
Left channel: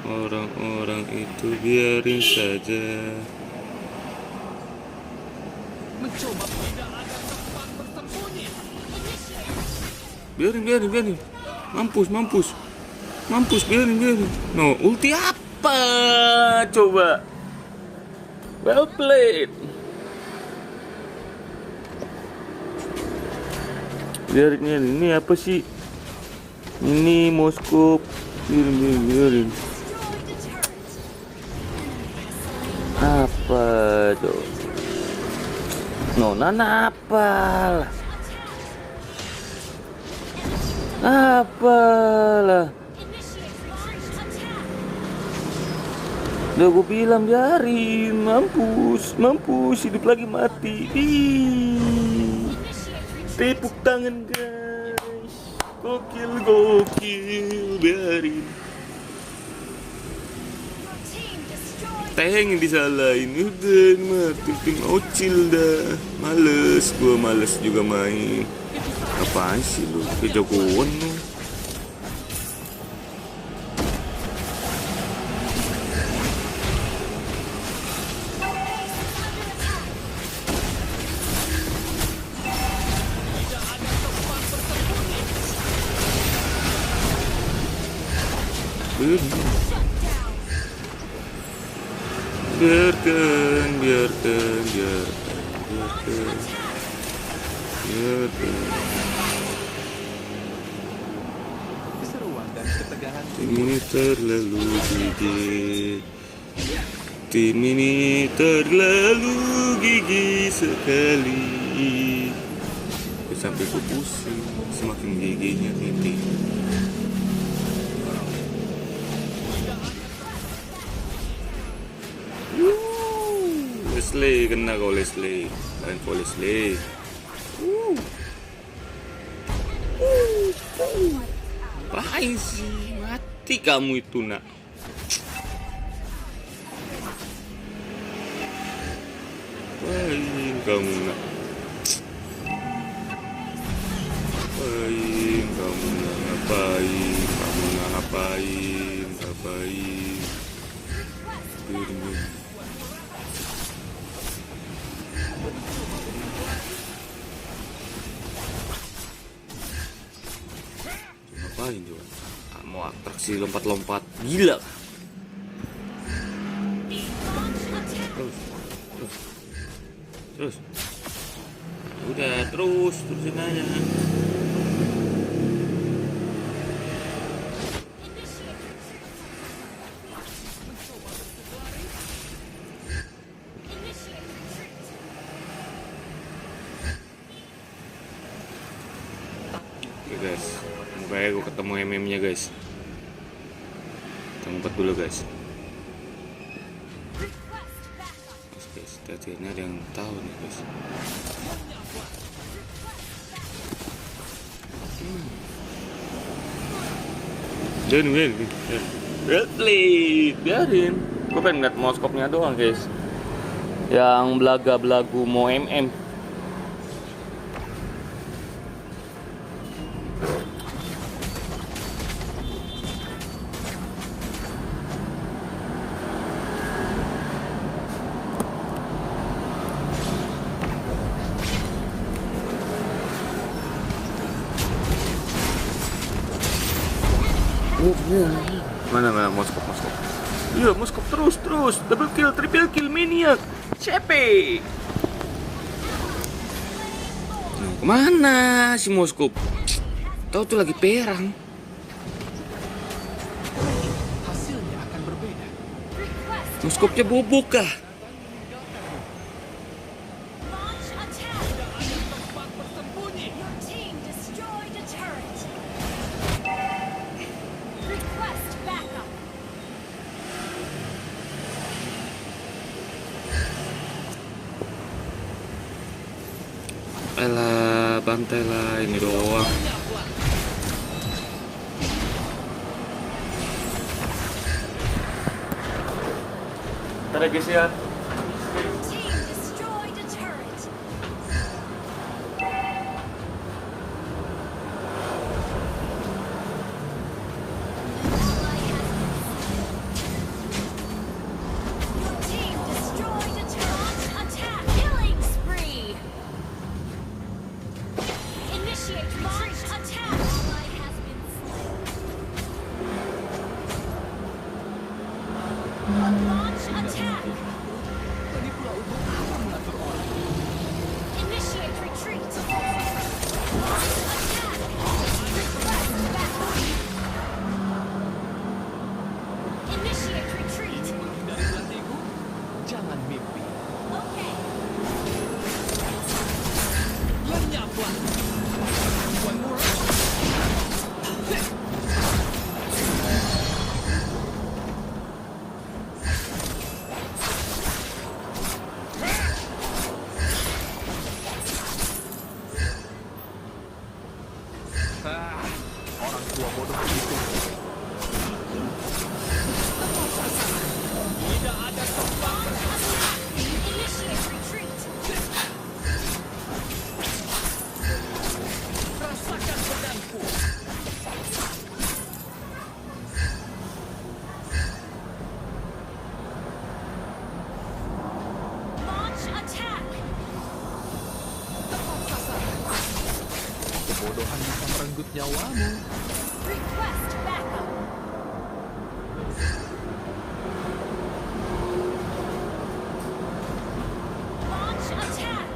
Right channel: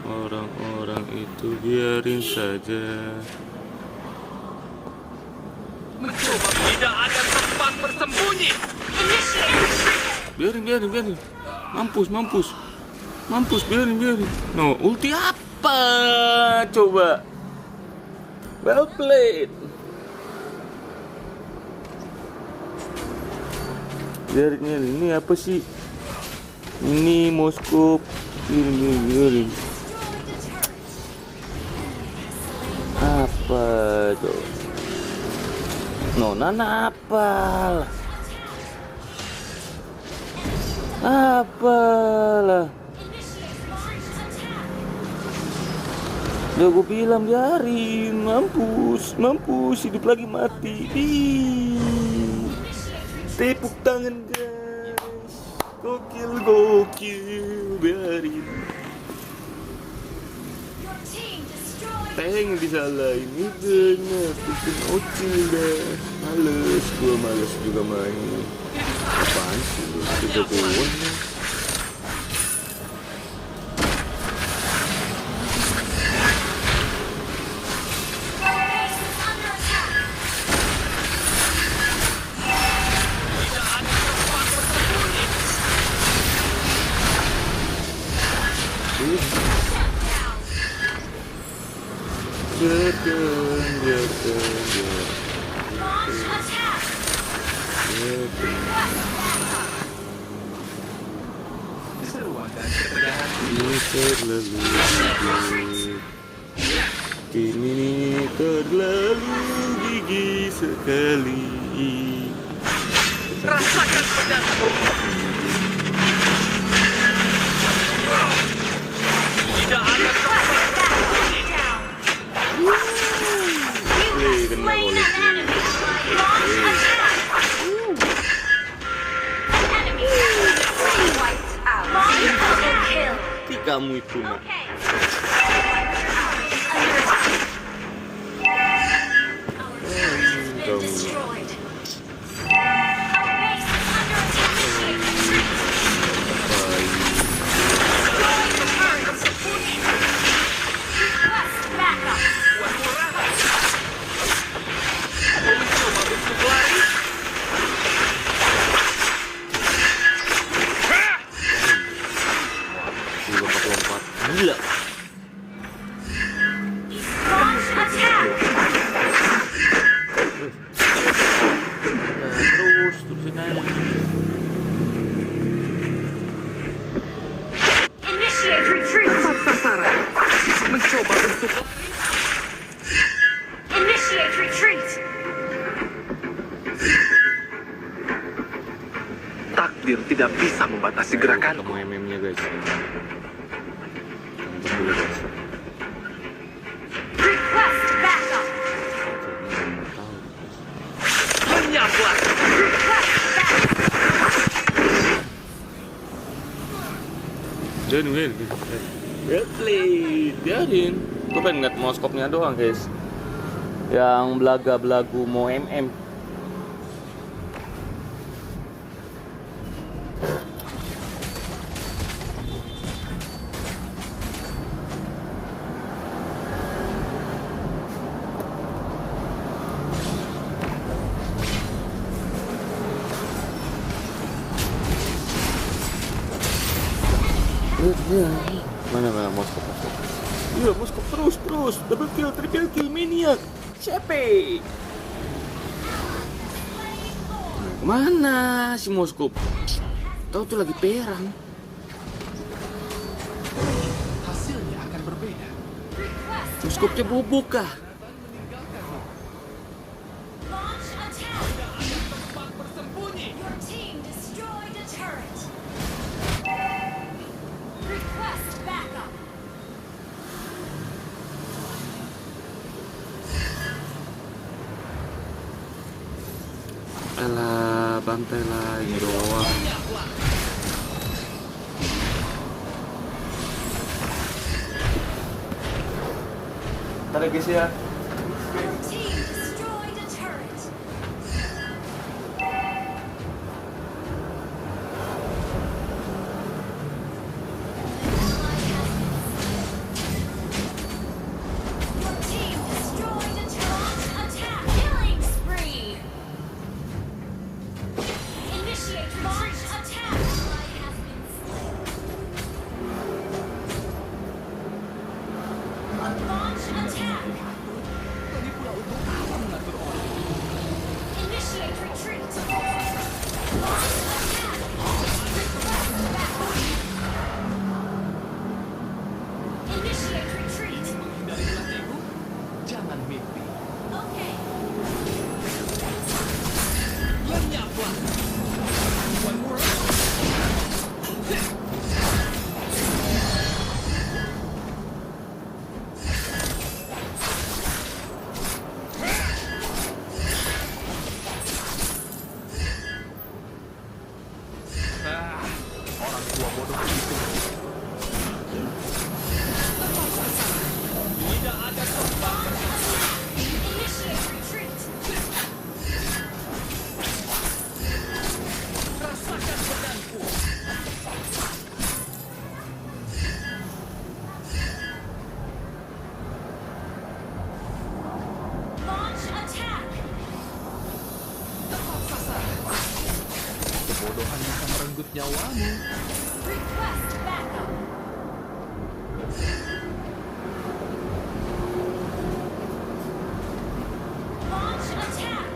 Orang-orang itu biarin saja. Tidak ada tempat bersembunyi. Biarin. Mampus, biarin. No, ulti apa? Coba. Well played. Biarin ini apa sih? Ini Moskop. Biarin. Apa tuh? Nona apalah? Apalah? Udah gue bilang biarin, mampus hidup lagi mati. Tepuk tangan guys, gokil, biarin. Teng disalahin, udah mati, ocil dah. Males juga main. Apaan sih lu, kejagoan lah. Biarkan. Keseruan dan ketegangan Ini terlalu gigih. Tim ini terlalu gigih sekali. Rasakan semakin gigih. Leslie, kena kau Leslie. Mati kamu itu nak. Kamu nak. Si lompat gila. Terusin aja. Initiate retreat. mencoba untuk Initiate retreat. takdir tidak bisa membatasi Saya gerakan. ketemu MM-nya guys. Tempat dulu guys. Request backup. Akhirnya ada yang tahu nih guys. Menyaplah. Dan biarin. Gue pengen ngeliat moskopnya doang guys. Yang belaga-belagu mau MM. Mana moskop. Iya, moskop terus. Double kill, triple kill, maniac. Cepe. Kemana si moskop? Tahu tuh lagi perang. Hasilnya akan berbeda. Moskopnya bobok kah? Launch attack. Your team destroyed a turret. Request backup. Alah, bantai lah ini doang. Ada guys ya. Your team destroyed a turret. Your team destroyed a turret. Attack. Killing spree. Initiate launch attack. Ally has been slain. Launch attack. Lagi pula untuk kebodohan bisa merenggut nyawamu. Request backup. Launch attack.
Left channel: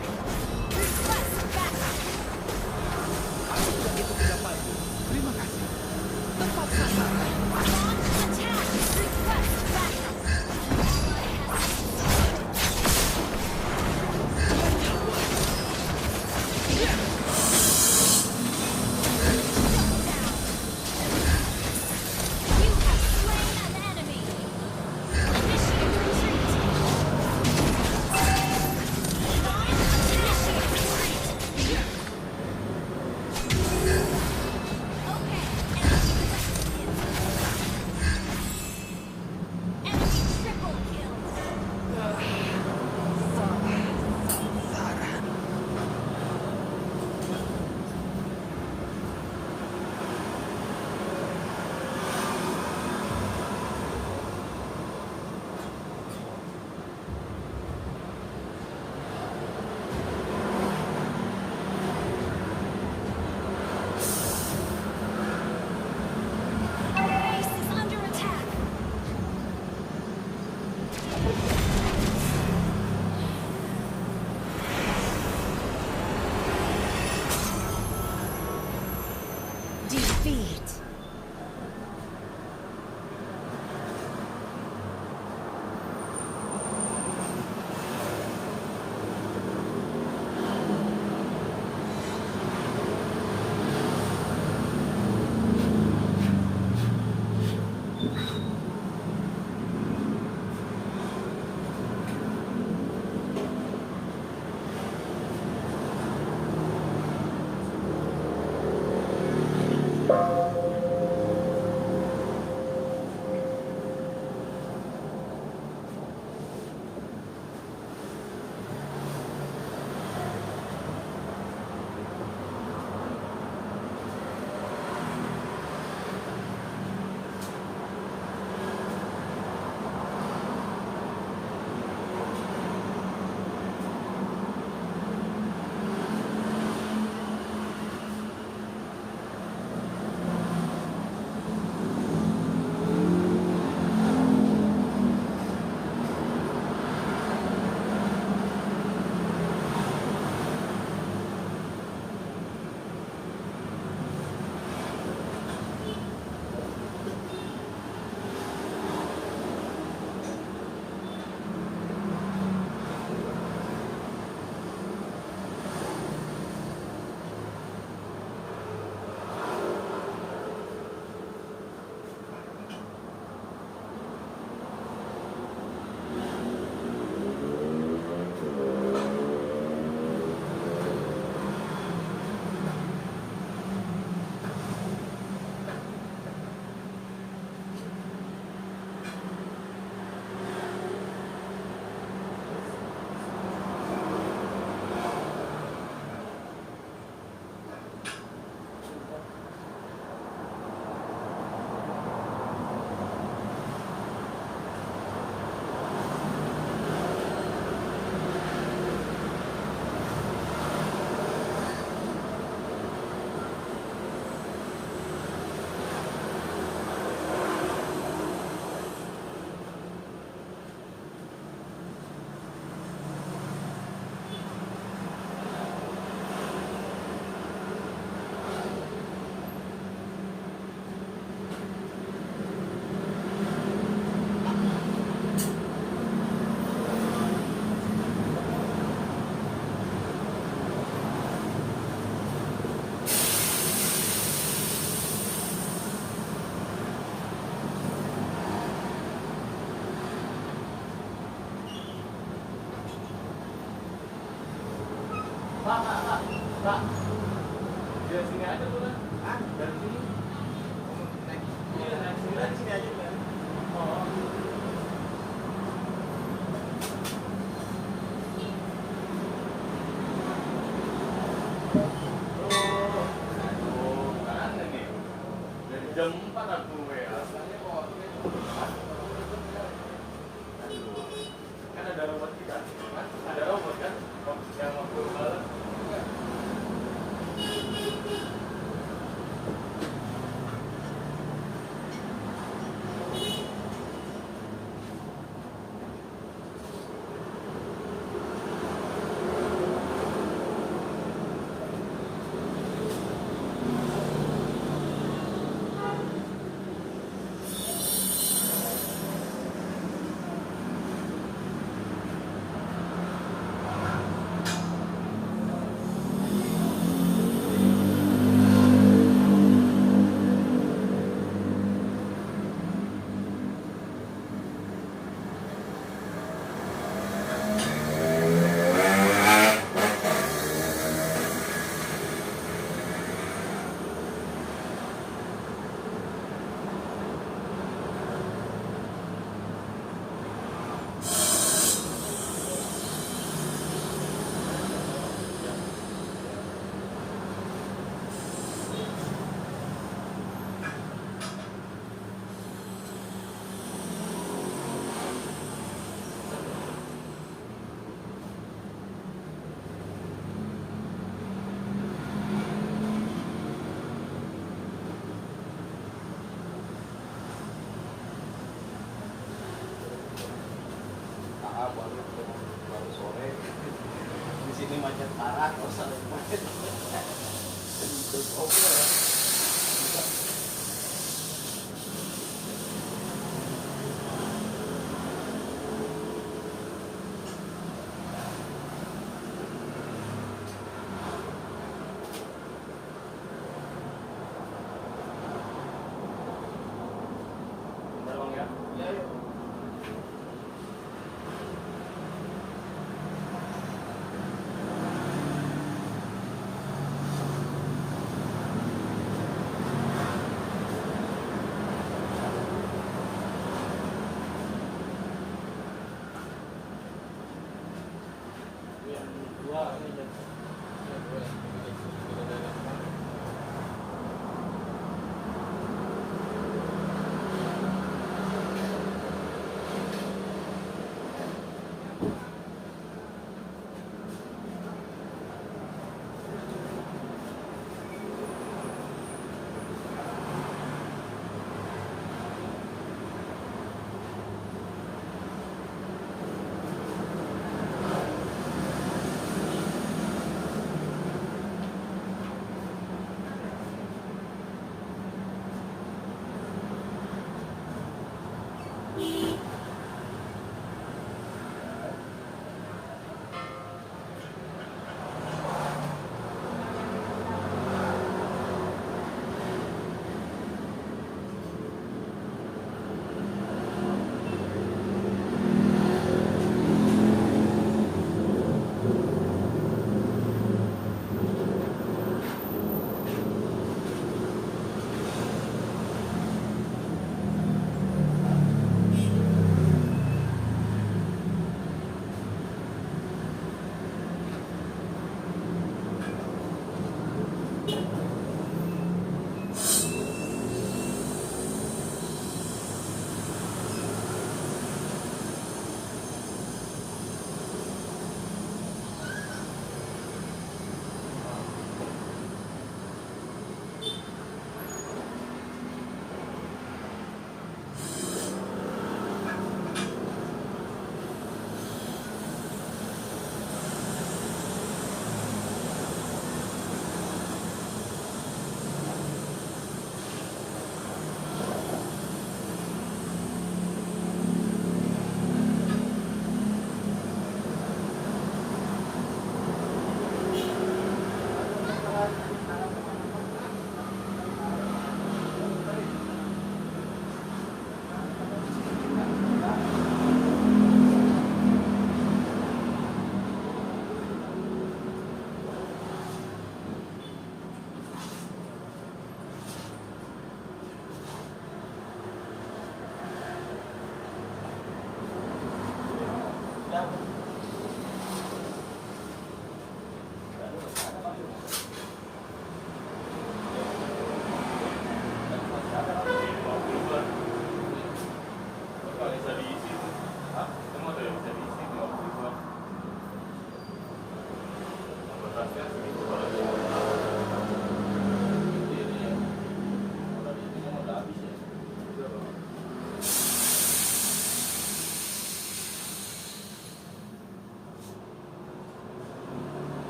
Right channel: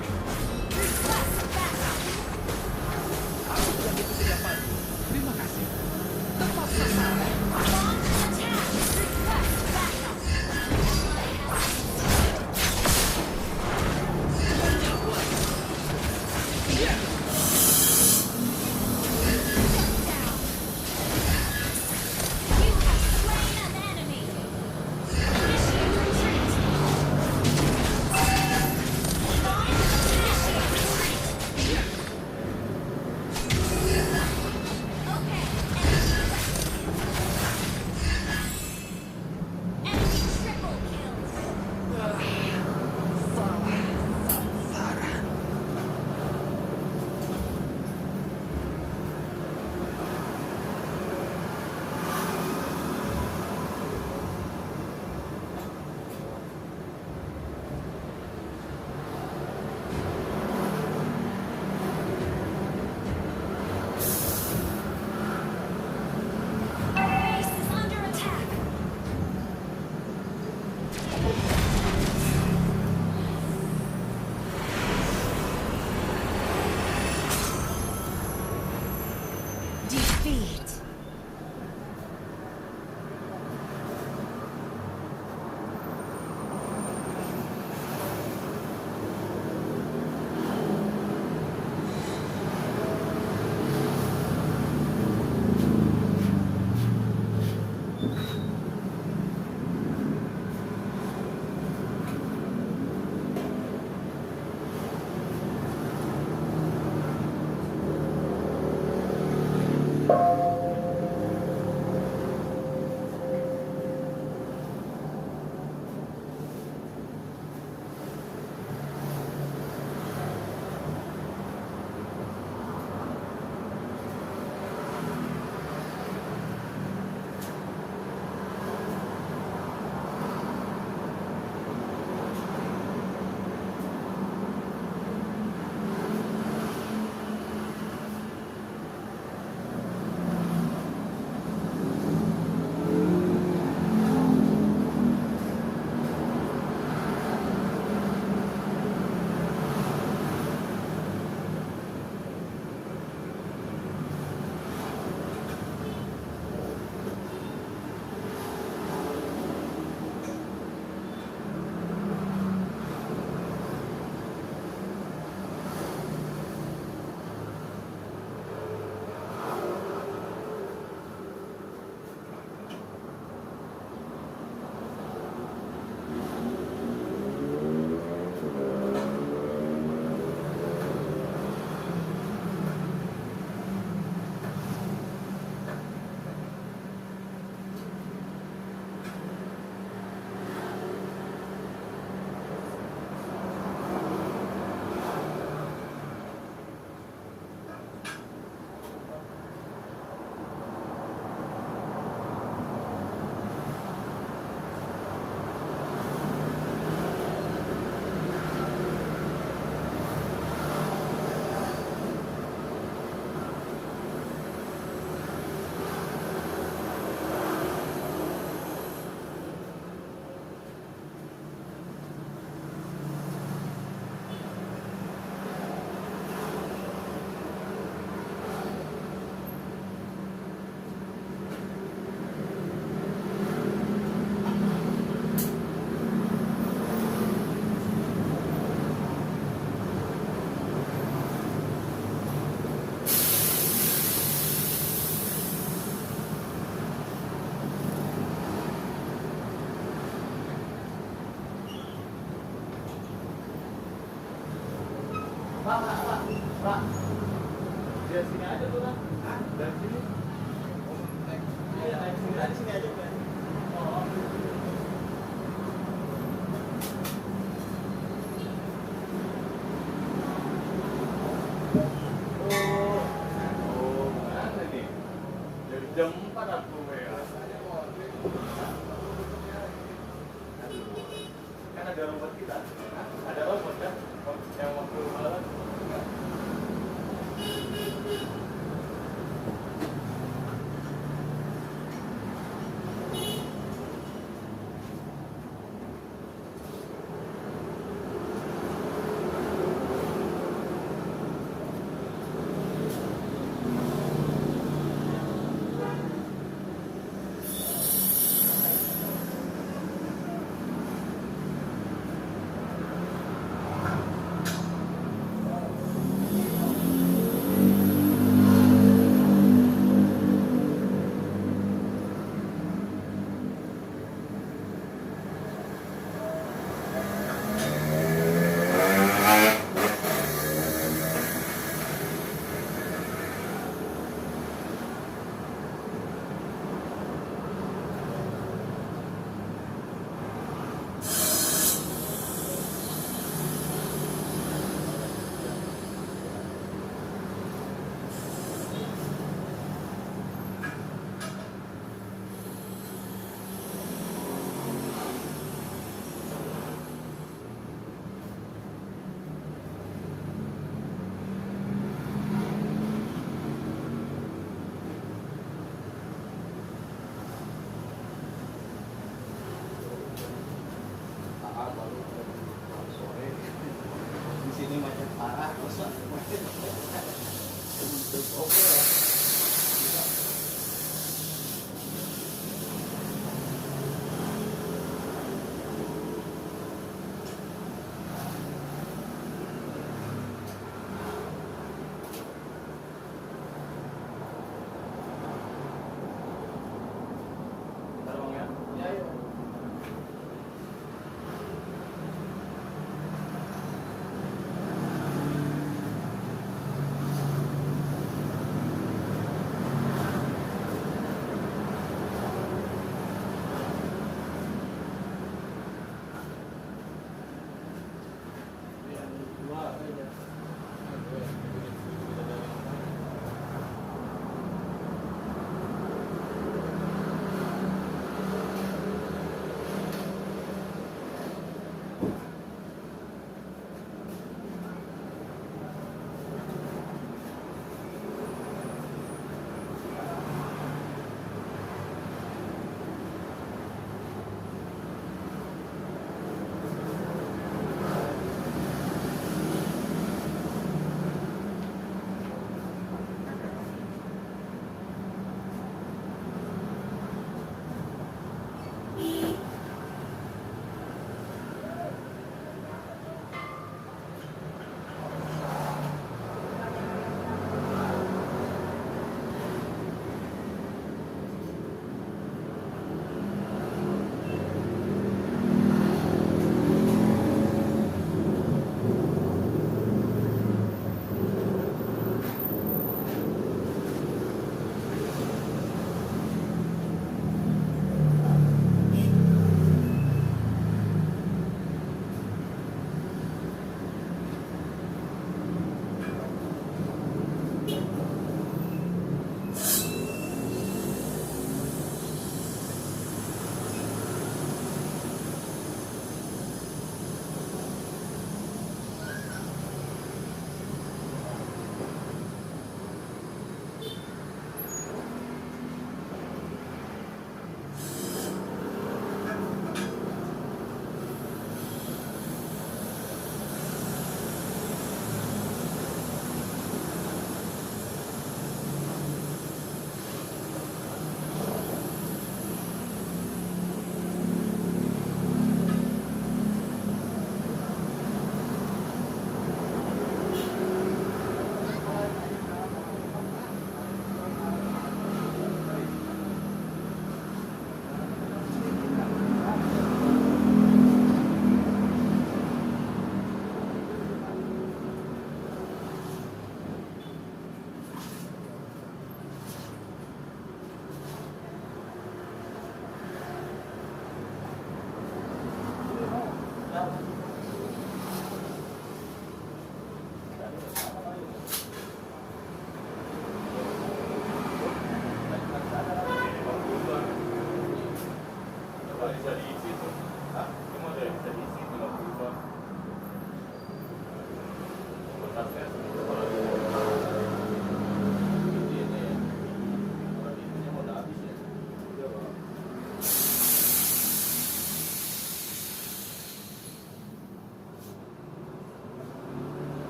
Request backup. Aku sudah hitung ke depanmu. Terima kasih. Tepat sasaran. Launch attack. Request backup. Shut down. You have slain an enemy. Initiate retreat. Launch attack. Retreat. Okay. Enemy triple kills. Our base is under attack. Defeat. Dari sini aja tuh kan? Hah? Dari sini? Iya, dari sini aja tuh. Oh. Oh, mana nih? Dari jam 4 aku rasanya kok. Kan ada robot kita. Hah? Ada robot kan? Yang waktu malam.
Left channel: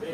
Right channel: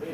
Beda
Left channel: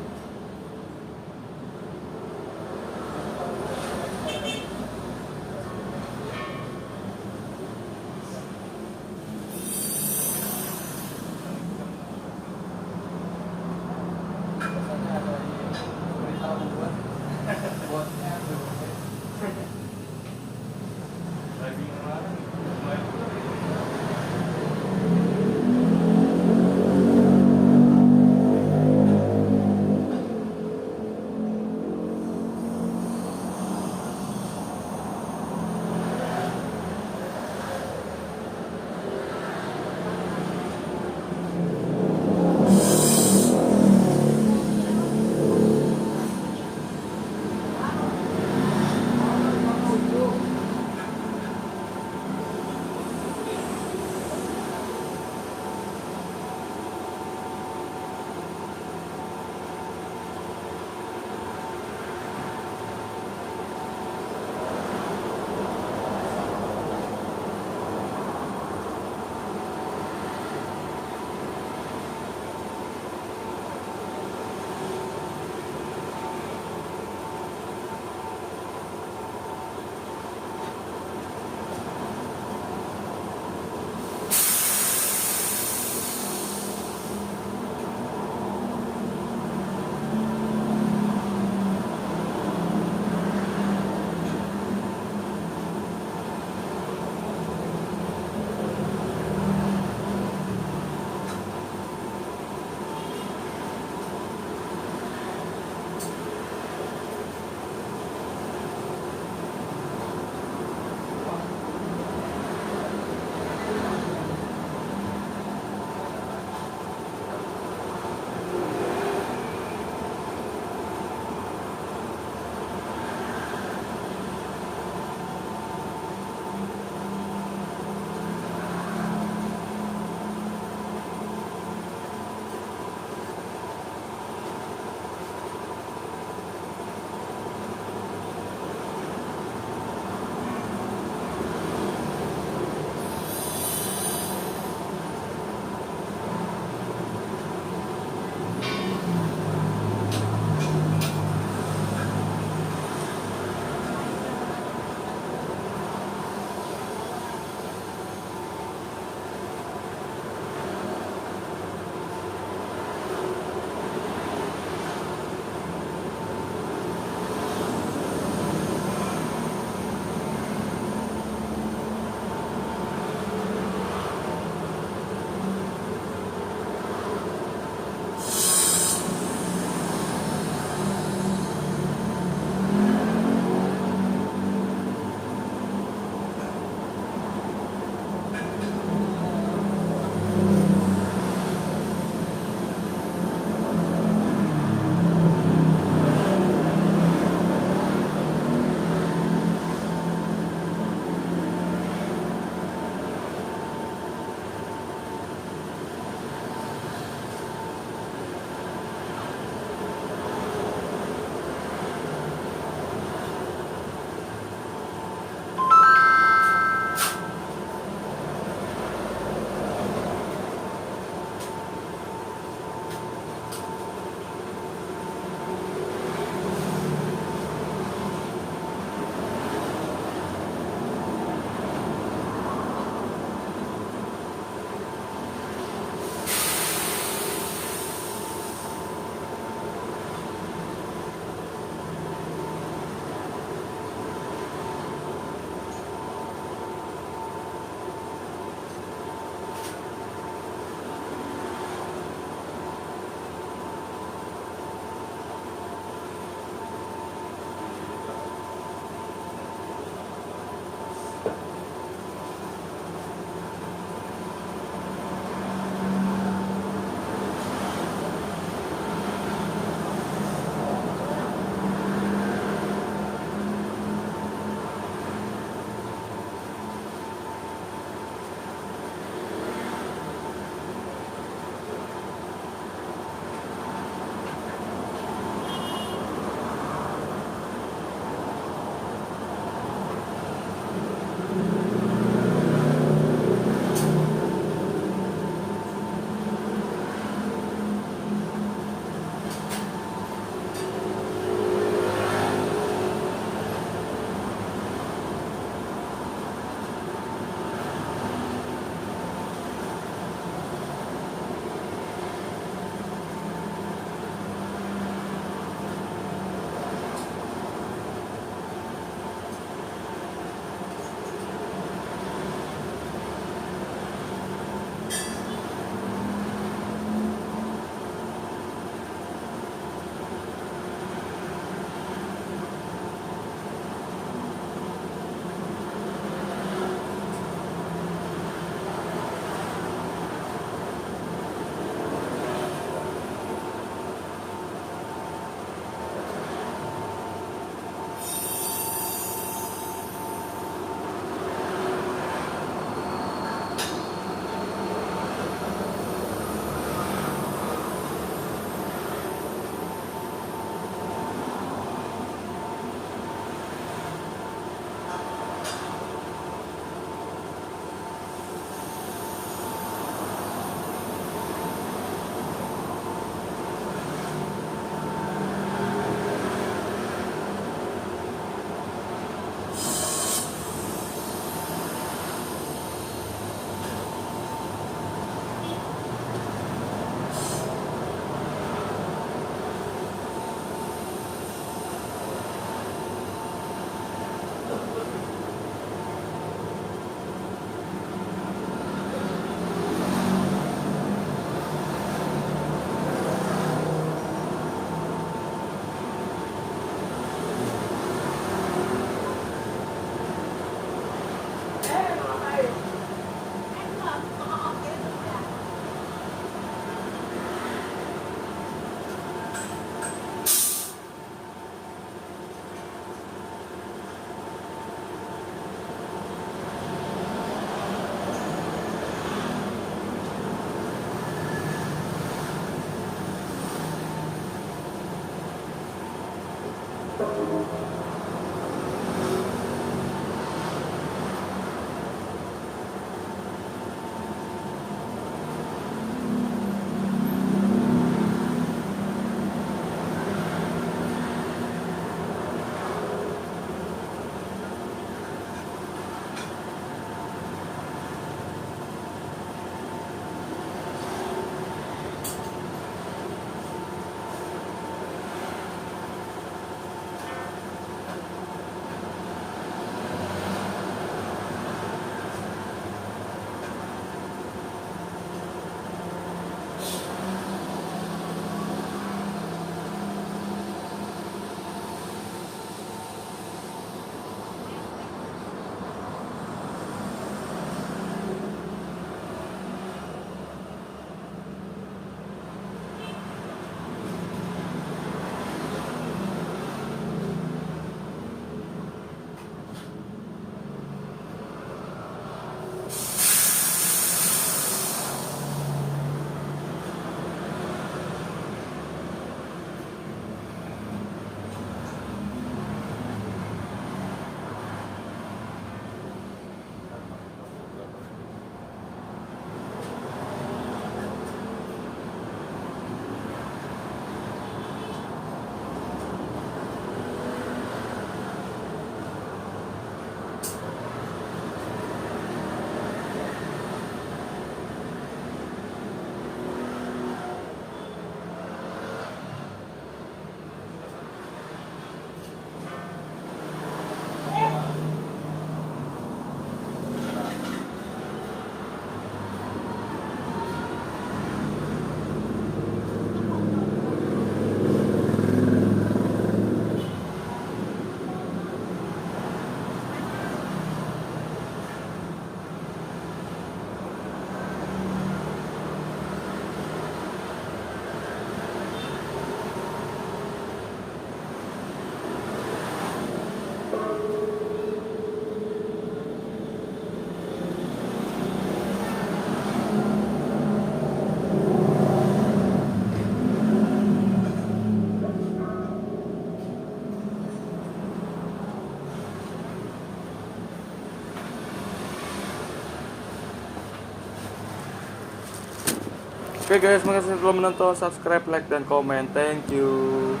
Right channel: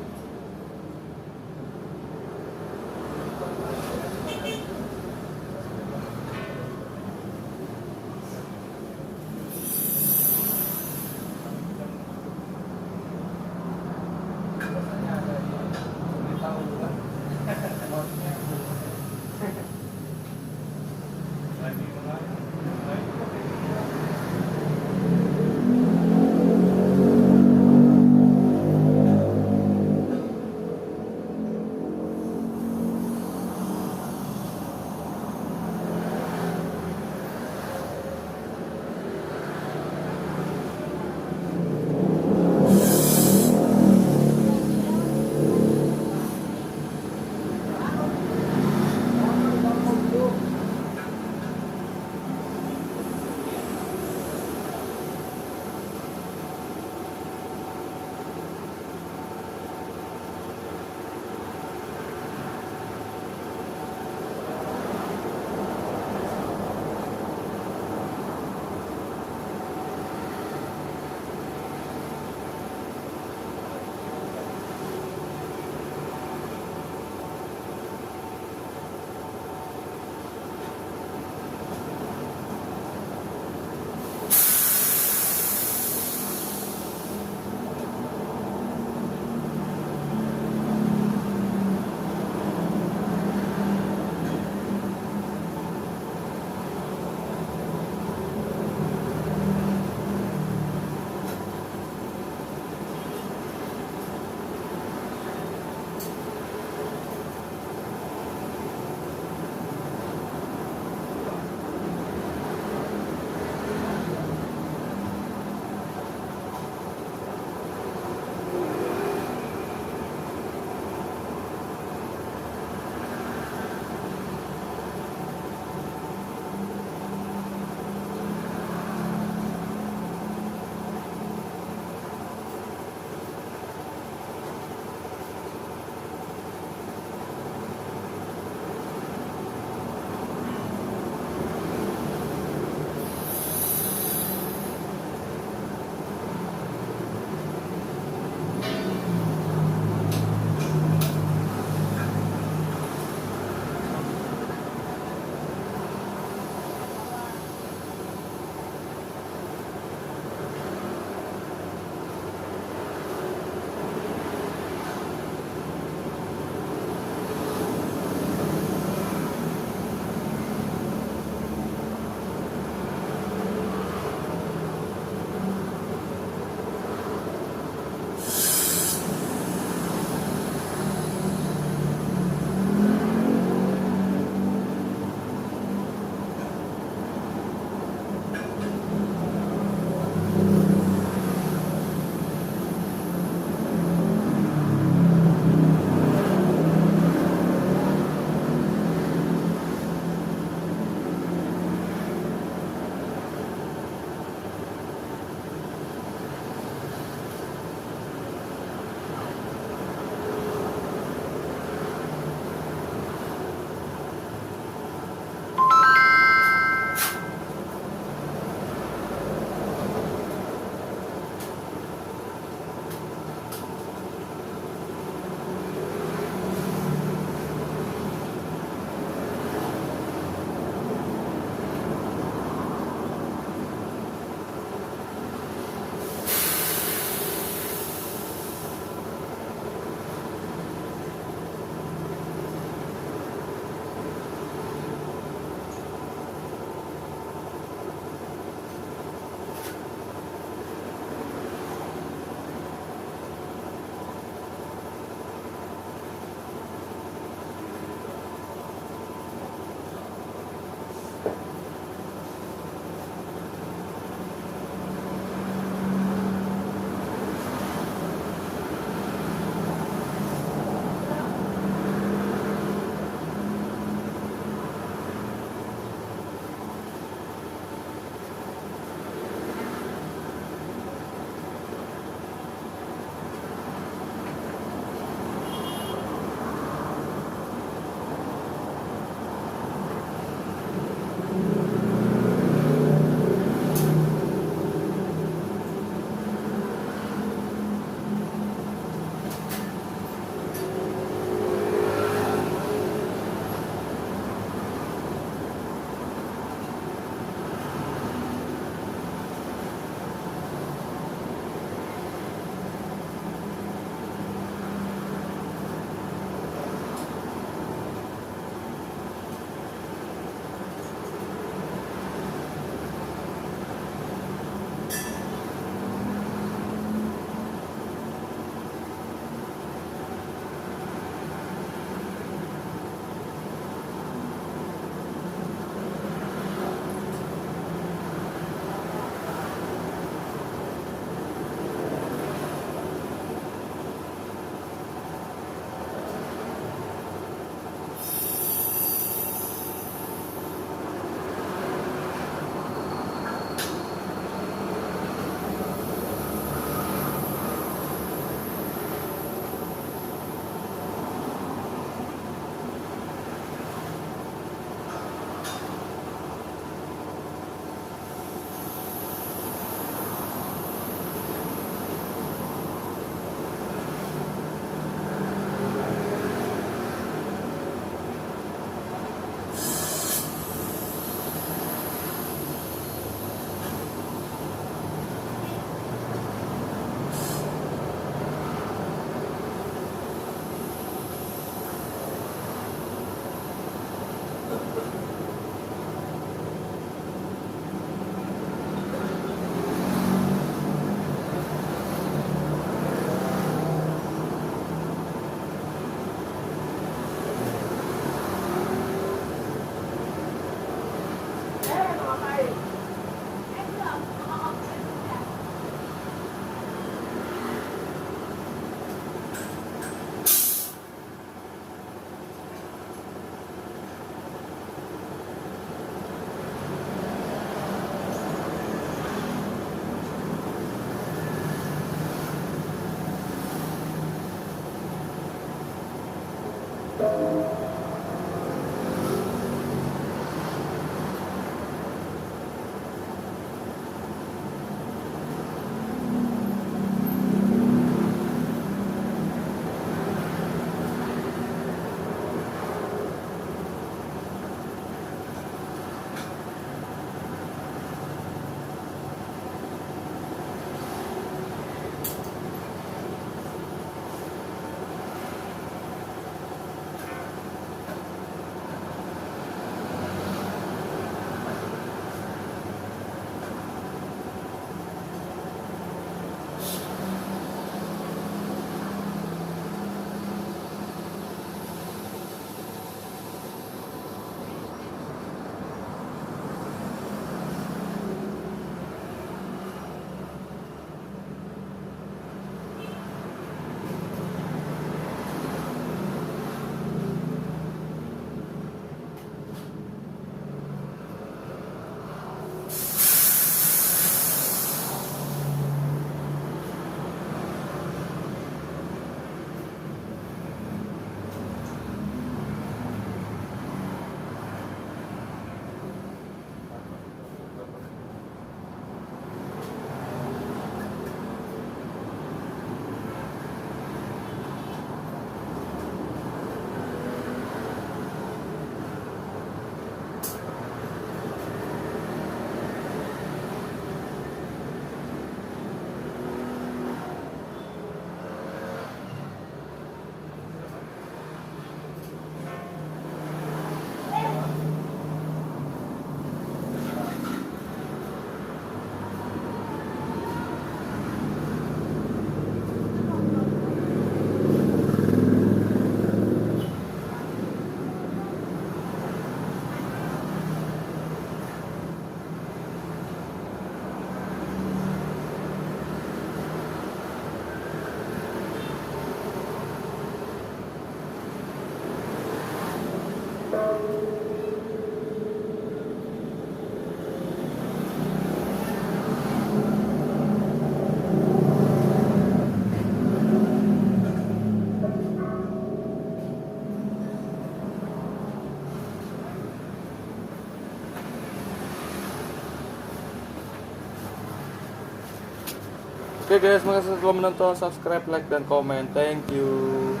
Oke guys, makasih telah menonton, subscribe, like, dan komen. Thank you.